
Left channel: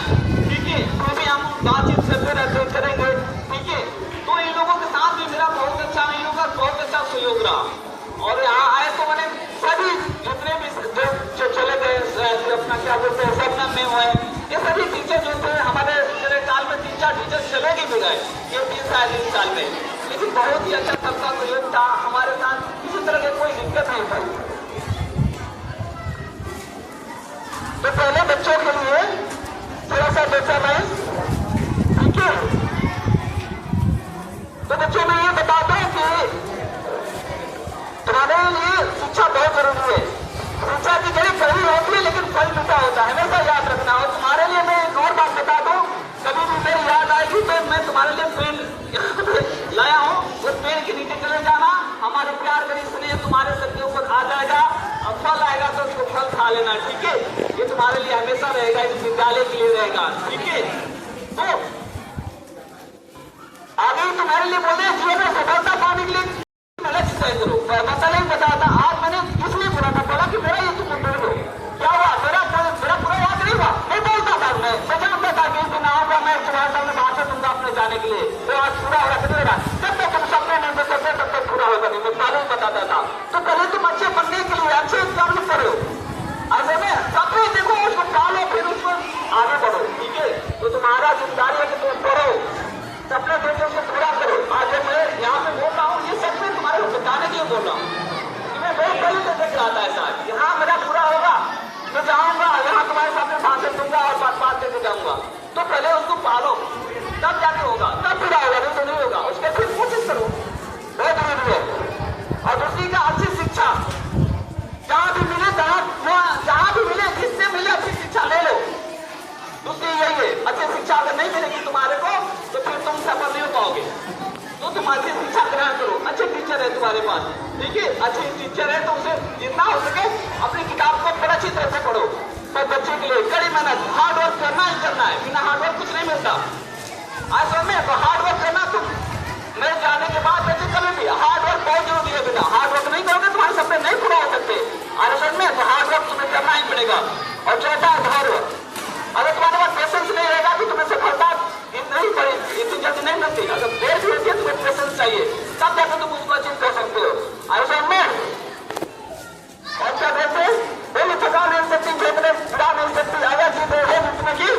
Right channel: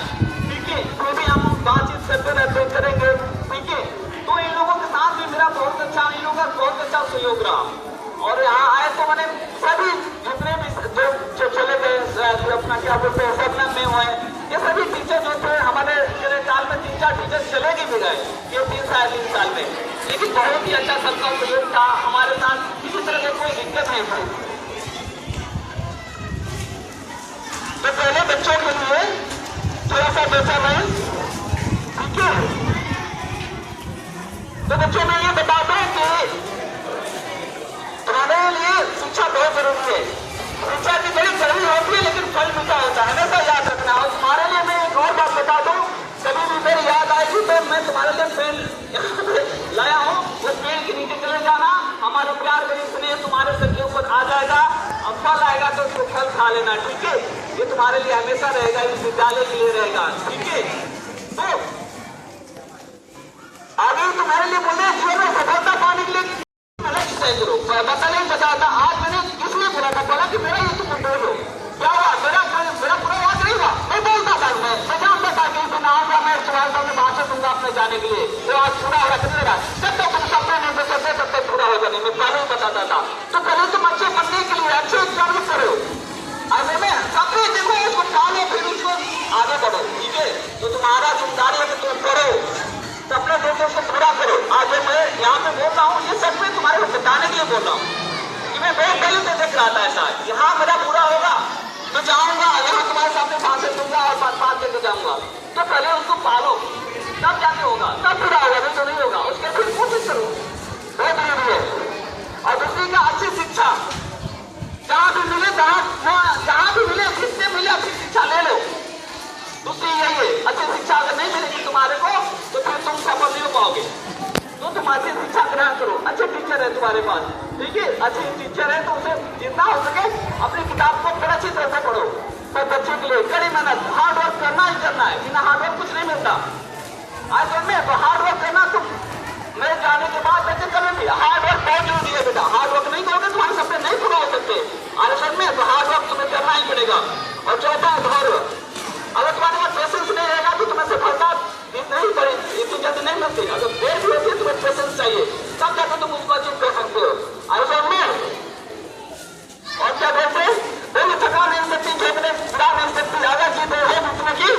ठीक है। तो भी हम बातचीत करते रहते करेंगे, ठीक है। तो इन लोगों के साथ भी मेरा बहुत अच्छा, इन लोगों का बहुत अच्छा सहयोग रहा। और यहाँ आए तो मैंने सभी जितने भी जो चले गए, अपना क्या बोलते हैं सपना में हुए, ये सभी टीचर जो थे हमारे मेरे साल में 3-4 टीचर चलेगी भी गए, ये 3 साल में, लेकिन बहुत ही अच्छा सबका सहयोग था हमारे साथ, किसी तरह से कोई दिक्कत नहीं थी। तो पहले बच्चों के लिए थोड़ा सा बेचा मैं, ठीक है। तो बच्चों में ये बताता हूँ कि तुम्हारे लिए शिक्षा बहुत जरूरी है, शिक्षा की बड़ी जरूरी होती है, लेकिन फल मीठा होता है, हमेशा याद रखना। और तुम्हारे लिए मैं एक और बात बता दूं, कभी भी मेरी याद आएगी तो मैं तुम्हारे लिए पेड़ लाया हूँ, उस पेड़ के नीचे चले जाना, हमारा प्यार बड़ी इसलिए तुम्हारे सर के ऊपर आ जाएगा, और फल आएगा तो उसको फल खा लेना, ठीक है। ये तुम्हारे लिए हमेशा रहेगा, इस विद्यालय के लिए रहेगा, ठीक है। तो आगे तुम्हारे लिए बोले जीवन में सफलता पाने के लिए बता नहीं बताता। आज मैंने इसलिए बोला था, बोला कि मेरा ये तुम बोलो क्या हुआ, मेरा पूरा याद नहीं हुआ, मैं बोलता था, मैं जानता था कि तुम आऊंगा, मैं तुम्हारे सामने भाषण दूंगा अपने जाने के लिए, तो आज पूरा हो रहा है, तब तक तुम सपने नहीं दे सकते, तब तक पूरा होगा नहीं, मैं पहले ही बताता था। तो पहले तुम अच्छे बनने के लिए अच्छे कर्म करो, ऐसे में सपने देखो, उसको पालो, फिर उसको आगे बढ़ो, ठीक है। तो तुम्हारा जिम्मेदारी है कि तुम करो, सपने देखो उसको पूरा करो। आज मैं यहाँ पे बोल रहा हूँ, ये सच में तुम्हारे बताने के लिए बोल रहा हूँ कि मैं बहुत पहले से देख रहा था ऐसा कि हाँ मेरा पूरा होगा, मैं जाऊंगा यहाँ तुम्हारे सामने भाषण दूंगा और बात देके जाऊंगा। तो पहले उसको पालो, तब जाके होगा, तब पूरा होगा, नहीं तो नहीं होगा। उसके फिर कोशिश करो, बहुत जरूरी है। और दूसरी का अच्छी शिक्षा जहाँ भी मिले, जहाँ भी मिले, जिससे मिले अच्छी शिक्षा ले लो। दूसरी यही है, अच्छी शिक्षा अगर नहीं मिलेगी तुम्हारे को तो फिर तुम सफल नहीं हो पाओगे। तो तुम अच्छी शिक्षा ग्रहण करो, अच्छे टीचर है तुम्हारे पास, ठीक है। अच्छे टीचर है तो उसे जितना हो सके अपनी किताब को थोड़ा अच्छी तरह से पढ़ो, पर बच्चे के लिए कड़ी मेहनत, हार्ड वर्क करना ही करना है, बिना हार्ड वर्क कुछ नहीं मिलता। आज में तो हार्ड वर्क करना, तुम मेरे जाने के बाद बच्चे कर लेते, हार्ड वर्क बहुत जरूरी है बेटा। हार्ड वर्क नहीं करोगे तुम्हारे सपने नहीं पूरा हो सकते। आज में तो हार्ड वर्क तुम्हें करना ही पड़ेगा। और चौथा धैर्य, अगर तुम्हारे पास पेशेंस नहीं रहेगा तो तुम्हें सफलता नहीं पड़ेगी, इतनी जल्दी नहीं मिलती। अगर देर भी होती है तुम्हें पेशेंस चाहिए, तब जाकर तुम उसको अचीव कर सकते हो। ऐसा में और क्या कहते हैं, वो थका नहीं सकती, फेंकने गिरा नहीं सकती, अगर जीत है मुझमें की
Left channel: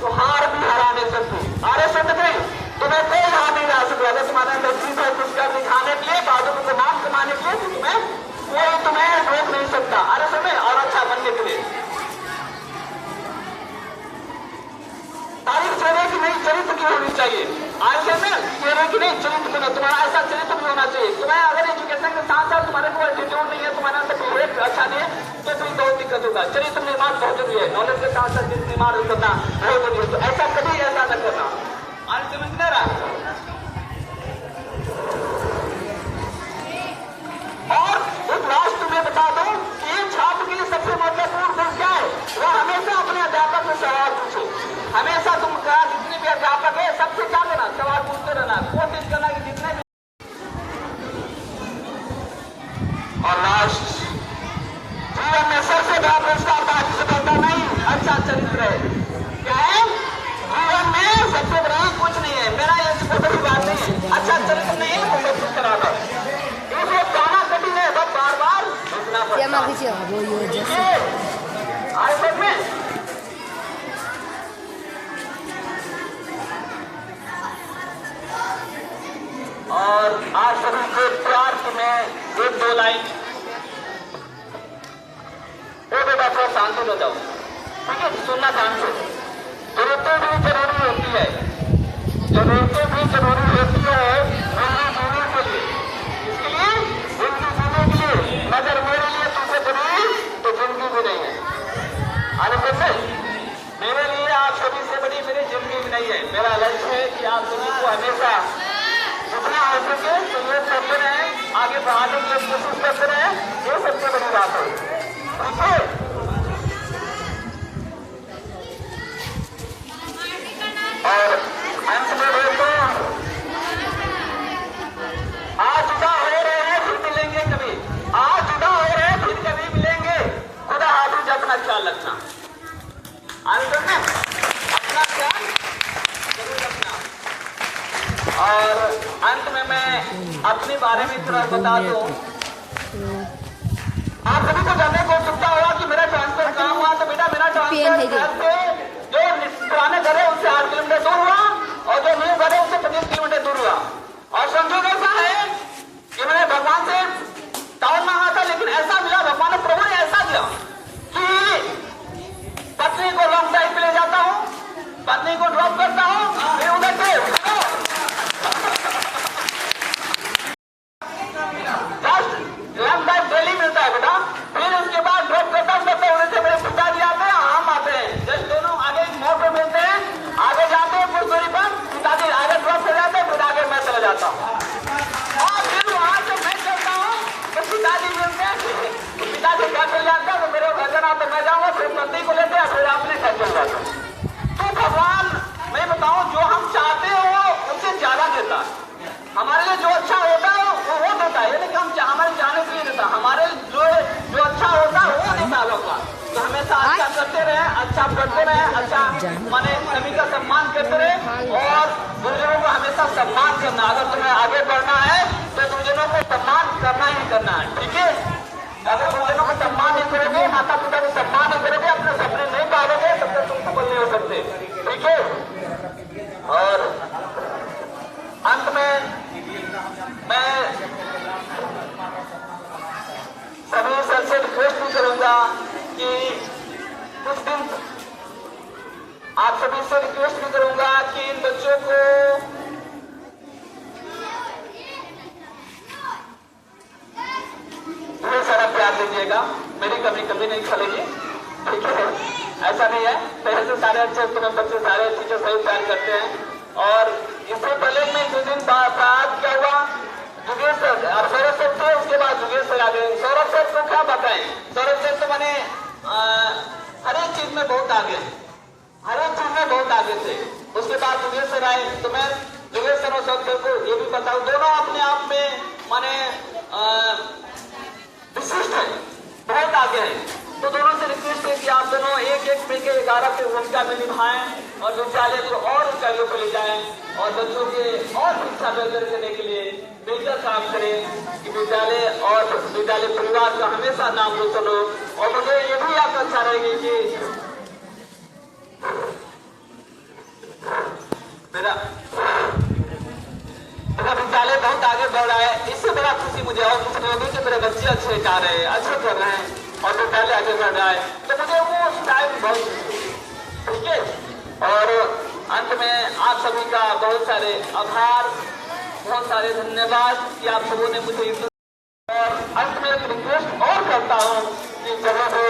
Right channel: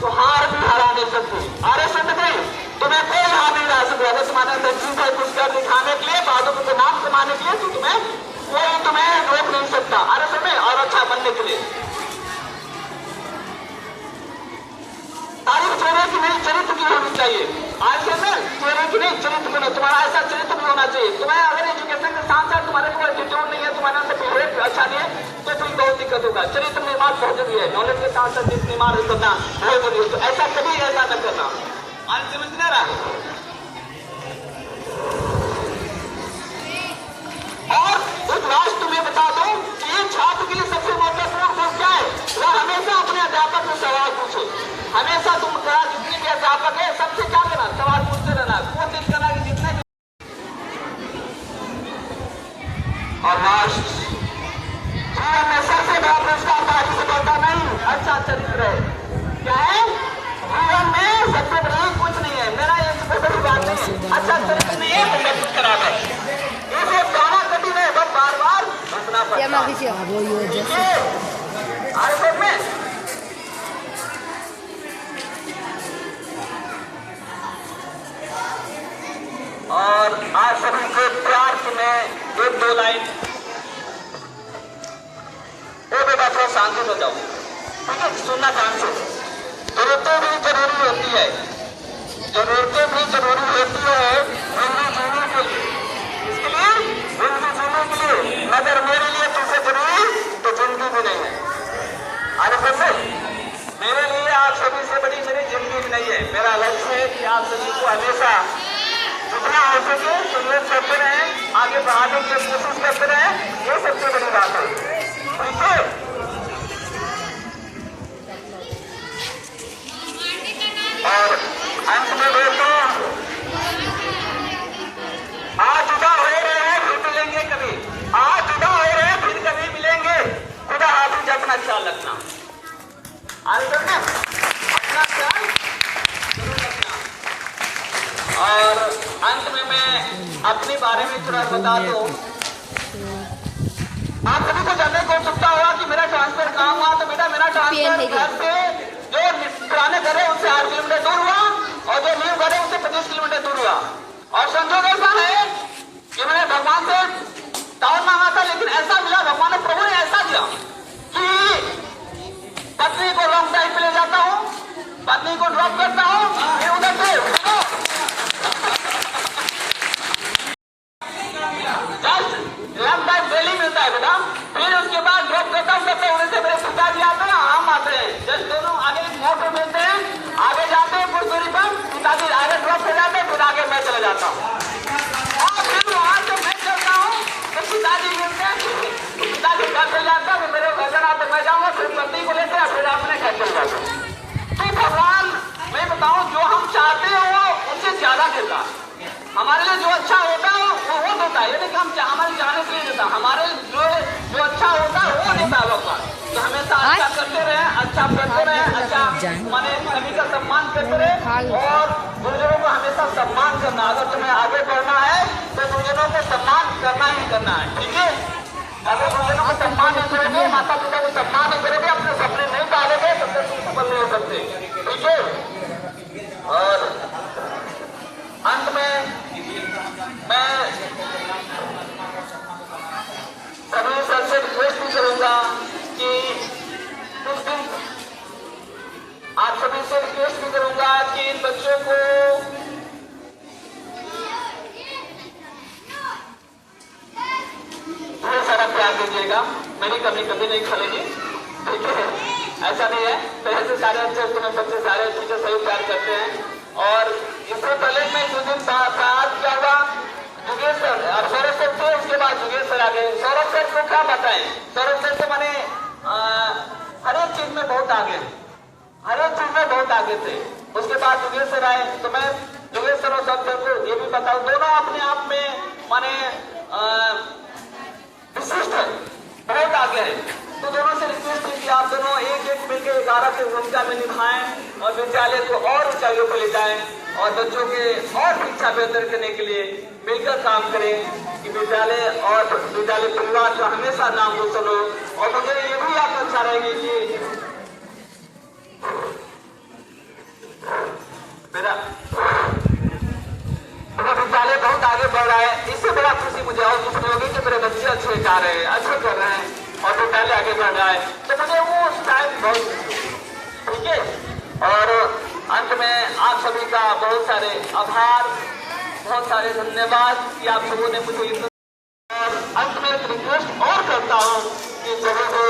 तो हार भी हरा नहीं सकती। आरे समझ गई, तुम्हें कोई हार नहीं रहा सकता। अगर तुम्हारे अंदर चीज है कुछ कर दिखाने के लिए, बातों को नाम कमाने के लिए, तो तुम्हें कोई तुम्हें रोक नहीं सकता। अरे समय और अच्छा बनने के लिए तारीफ चेहरे की नहीं, चरित्र की होनी चाहिए। आज समय चेहरे की नहीं, चरित्र की, तुम्हारा ऐसा चरित्र भी होना चाहिए। तुम्हें अगर एजुकेशन के साथ साथ तुम्हारे को एटीट्यूड नहीं है, तुम्हारे अंदर बिहेवियर अच्छा नहीं है, तो तुम्हें बहुत दिक्कत होगा। चरित्र निर्माण बहुत जरूरी है, नॉलेज के साथ साथ चरित्र निर्माण करना बहुत जरूरी है। तो ऐसा कभी ऐसा न करना। आज समझ नहीं रहा। और एक लास्ट तुम्हें बता दूं कि एक छात्र के लिए सबसे महत्वपूर्ण गुण क्या है, वो हमेशा अपने अध्यापक से सवाल पूछे। हमेशा तुम जितने भी अध्यापक है सबसे क्या करना, सवाल पूछते रहना, कोशिश करना कि जितने भी। और लास्ट, जीवन में सबसे बड़ा पुरस्कार तारीफ से होता नहीं, अच्छा चरित्र है। क्या है जीवन में सबसे बड़ी कुछ नहीं है, मेरा ये बड़ी बात नहीं है, अच्छा चरित्र नहीं है तो सब कुछ खराब है। इसे गाना कठिन है, बस बार बार सुनना पड़ता है। आए सब में और आज सभी को प्यार में एक दो लाइन, वो बेटा थोड़ा शांत हो जाओ, ठीक है, सुनना ध्यान से। जरूरतें भी जरूरी होती है, जरूरतें भी जरूरी होती है जिंदगी जीने के लिए, इसके लिए जिंदगी जीने के लिए, मगर मेरे लिए तुमसे जरूरी तो जिंदगी भी नहीं है। आगे से मेरे लिए आप सभी से बड़ी मेरी जिंदगी भी नहीं है। मेरा लक्ष्य है कि आप सभी को हमेशा जितना हो सके सहयोग करते रहे, आगे बढ़ाने की कोशिश करते रहे, ये सबसे बड़ी बात है। ठीक है, और अंत में बोल दो, आज जुदा हो रहे हैं फिर मिलेंगे कभी, आज जुदा हो रहे हैं फिर कभी मिलेंगे, खुदा हाफिज, अपना ख्याल रखना। अपना ख्याल जरूर रखना। और अंत में मैं अपने बारे में थोड़ा बता दूं। आप सभी को जानने को उत्सुकता होगा कि मेरा ट्रांसफर कहाँ हुआ, तो बेटा मेरा ट्रांसफर घर से जो पुराने घर है उससे 8 किलोमीटर दूर हुआ, और जो न्यू घर है उससे 25 किलोमीटर दूर हुआ। और संजोग ऐसा है कि मैंने भगवान से टाउन मांगा था, लेकिन ऐसा मिला, भगवान ने, प्रभु ने ऐसा दिया कि पत्नी को लॉन्ग ड्राइव पे ले जाता हूँ, पत्नी को ड्रॉप करता हूँ, फिर उधर से जस्ट लॉन्ग ड्राइव डेली मिलता है बेटा, फिर उसके बाद ड्रॉप करता हूँ, तब उधर से मेरे पिताजी आते हैं, हम आते हैं, जस्ट दोनों आगे मोड़ पे मिलते हैं, आगे जाते हैं कुछ दूरी पर, पिताजी आगे ड्रॉप कर जाते हैं, फिर आगे मैं चला जाता हूँ, और फिर वहां से मैं चलता हूँ, तो पिताजी मिलते हैं, पिताजी घर चल जाता है, मेरे घर जाना तो मैं जाऊंगा, फिर पत्नी को लेते हैं, फिर अपने घर चल जाते हैं। तो भगवान, मैं बताऊं, जो हम चाहते हैं वो उससे ज्यादा देता है। हमारे लिए जो अच्छा होता है वो देता है, यानी कि हम हमारे जाने के लिए देता, हमारे जो अच्छा होता है वो देता है भगवान। तो हमेशा अच्छा करते रहे, अच्छा करते रहे, अच्छा माने सभी का सम्मान करते रहे, और गुरुजनों को हमेशा सम्मान करना। अगर तुम्हें आगे बढ़ना है तो गुरुजनों को सम्मान करना ही करना है, ठीक है। अगर गुरुजनों को सम्मान नहीं करोगे, माता पिता को सम्मान नहीं करोगे, अपने सपने नहीं पालोगे, तब तक तुम सफल नहीं हो सकते, ठीक है। और अंत में मैं सभी सबसे रिक्वेस्ट भी करूंगा कि कुछ दिन आप सभी से रिक्वेस्ट भी करूंगा कि इन बच्चों को बहुत सारा प्यार दीजिएगा, मेरी कमी कभी नहीं खलेगी, ठीक है। ऐसा नहीं है, पहले से सारे अच्छे बच्चे सारे टीचर सही प्यार करते हैं। और इससे पहले मैं जो दिन बाद क्या हुआ, जुगेश सर और सौरभ सर थे, उसके बाद जुगेश सर आ गए। सौरभ सर को क्या बताएं, सौरभ सर तो मैंने हर एक चीज में बहुत आगे हैं, हर एक चीज में बहुत आगे थे। उसके बाद योगेश सर आए, तो मैं योगेश सर और सर को ये भी बताऊं, दोनों अपने आप में माने विशिष्ट है, बहुत आगे है। तो दोनों से रिक्वेस्ट है कि आप दोनों एक एक मिलकर 11 की भूमिका में निभाएं और विद्यालय को और ऊंचाइयों पर ले जाएं और बच्चों के और शिक्षा बेहतर करने के लिए मिलकर काम करें कि विद्यालय और विद्यालय परिवार का हमेशा नाम रोशन हो। और मुझे ये भी आकांक्षा रहेगी कि मेरा विद्यालय बहुत आगे बढ़ रहा है। इससे बड़ा खुशी मुझे और कुछ नहीं होगी कि मेरे बच्चे अच्छे गा रहे हैं, अच्छे कर रहे हैं और विद्यालय आगे बढ़ रहा है, तो मुझे वो टाइम बहुत, ठीक है। और अंत में आप सभी का बहुत सारे आभार, बहुत सारे धन्यवाद कि आप सबों ने मुझे, और अंत में एक रिक्वेस्ट और करता हूँ कि जब भी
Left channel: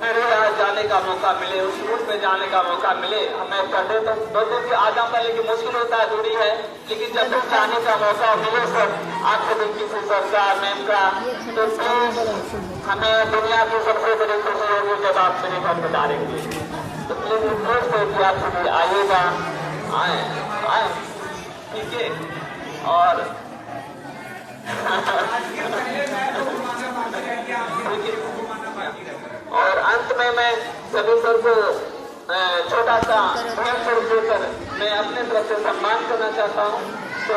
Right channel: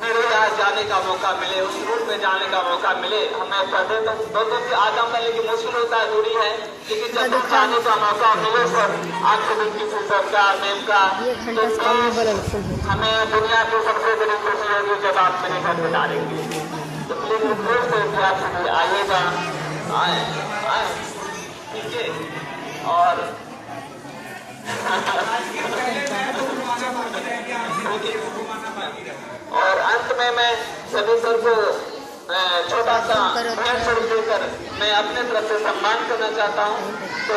मेरे यहाँ जाने का मौका मिले, उस रूट में जाने का मौका मिले, हमें पढ़ने तो दोनों की आदम करने की मुश्किल होता है, दूरी है, लेकिन जब भी जाने का मौका मिले सर, आप सभी की सुंदरता मैम का, तो हमें दुनिया की सबसे बड़ी खुशी है जब आप मेरे घर बता रहे होंगे, तो प्लीज रिक्वेस्ट है कि आप सभी आइएगा, आए, ठीक है। और और अंत में मैं सभी सर को छोटा सा भेंट स्वरूप देकर मैं अपने तरफ से सम्मान करना चाहता हूँ। तो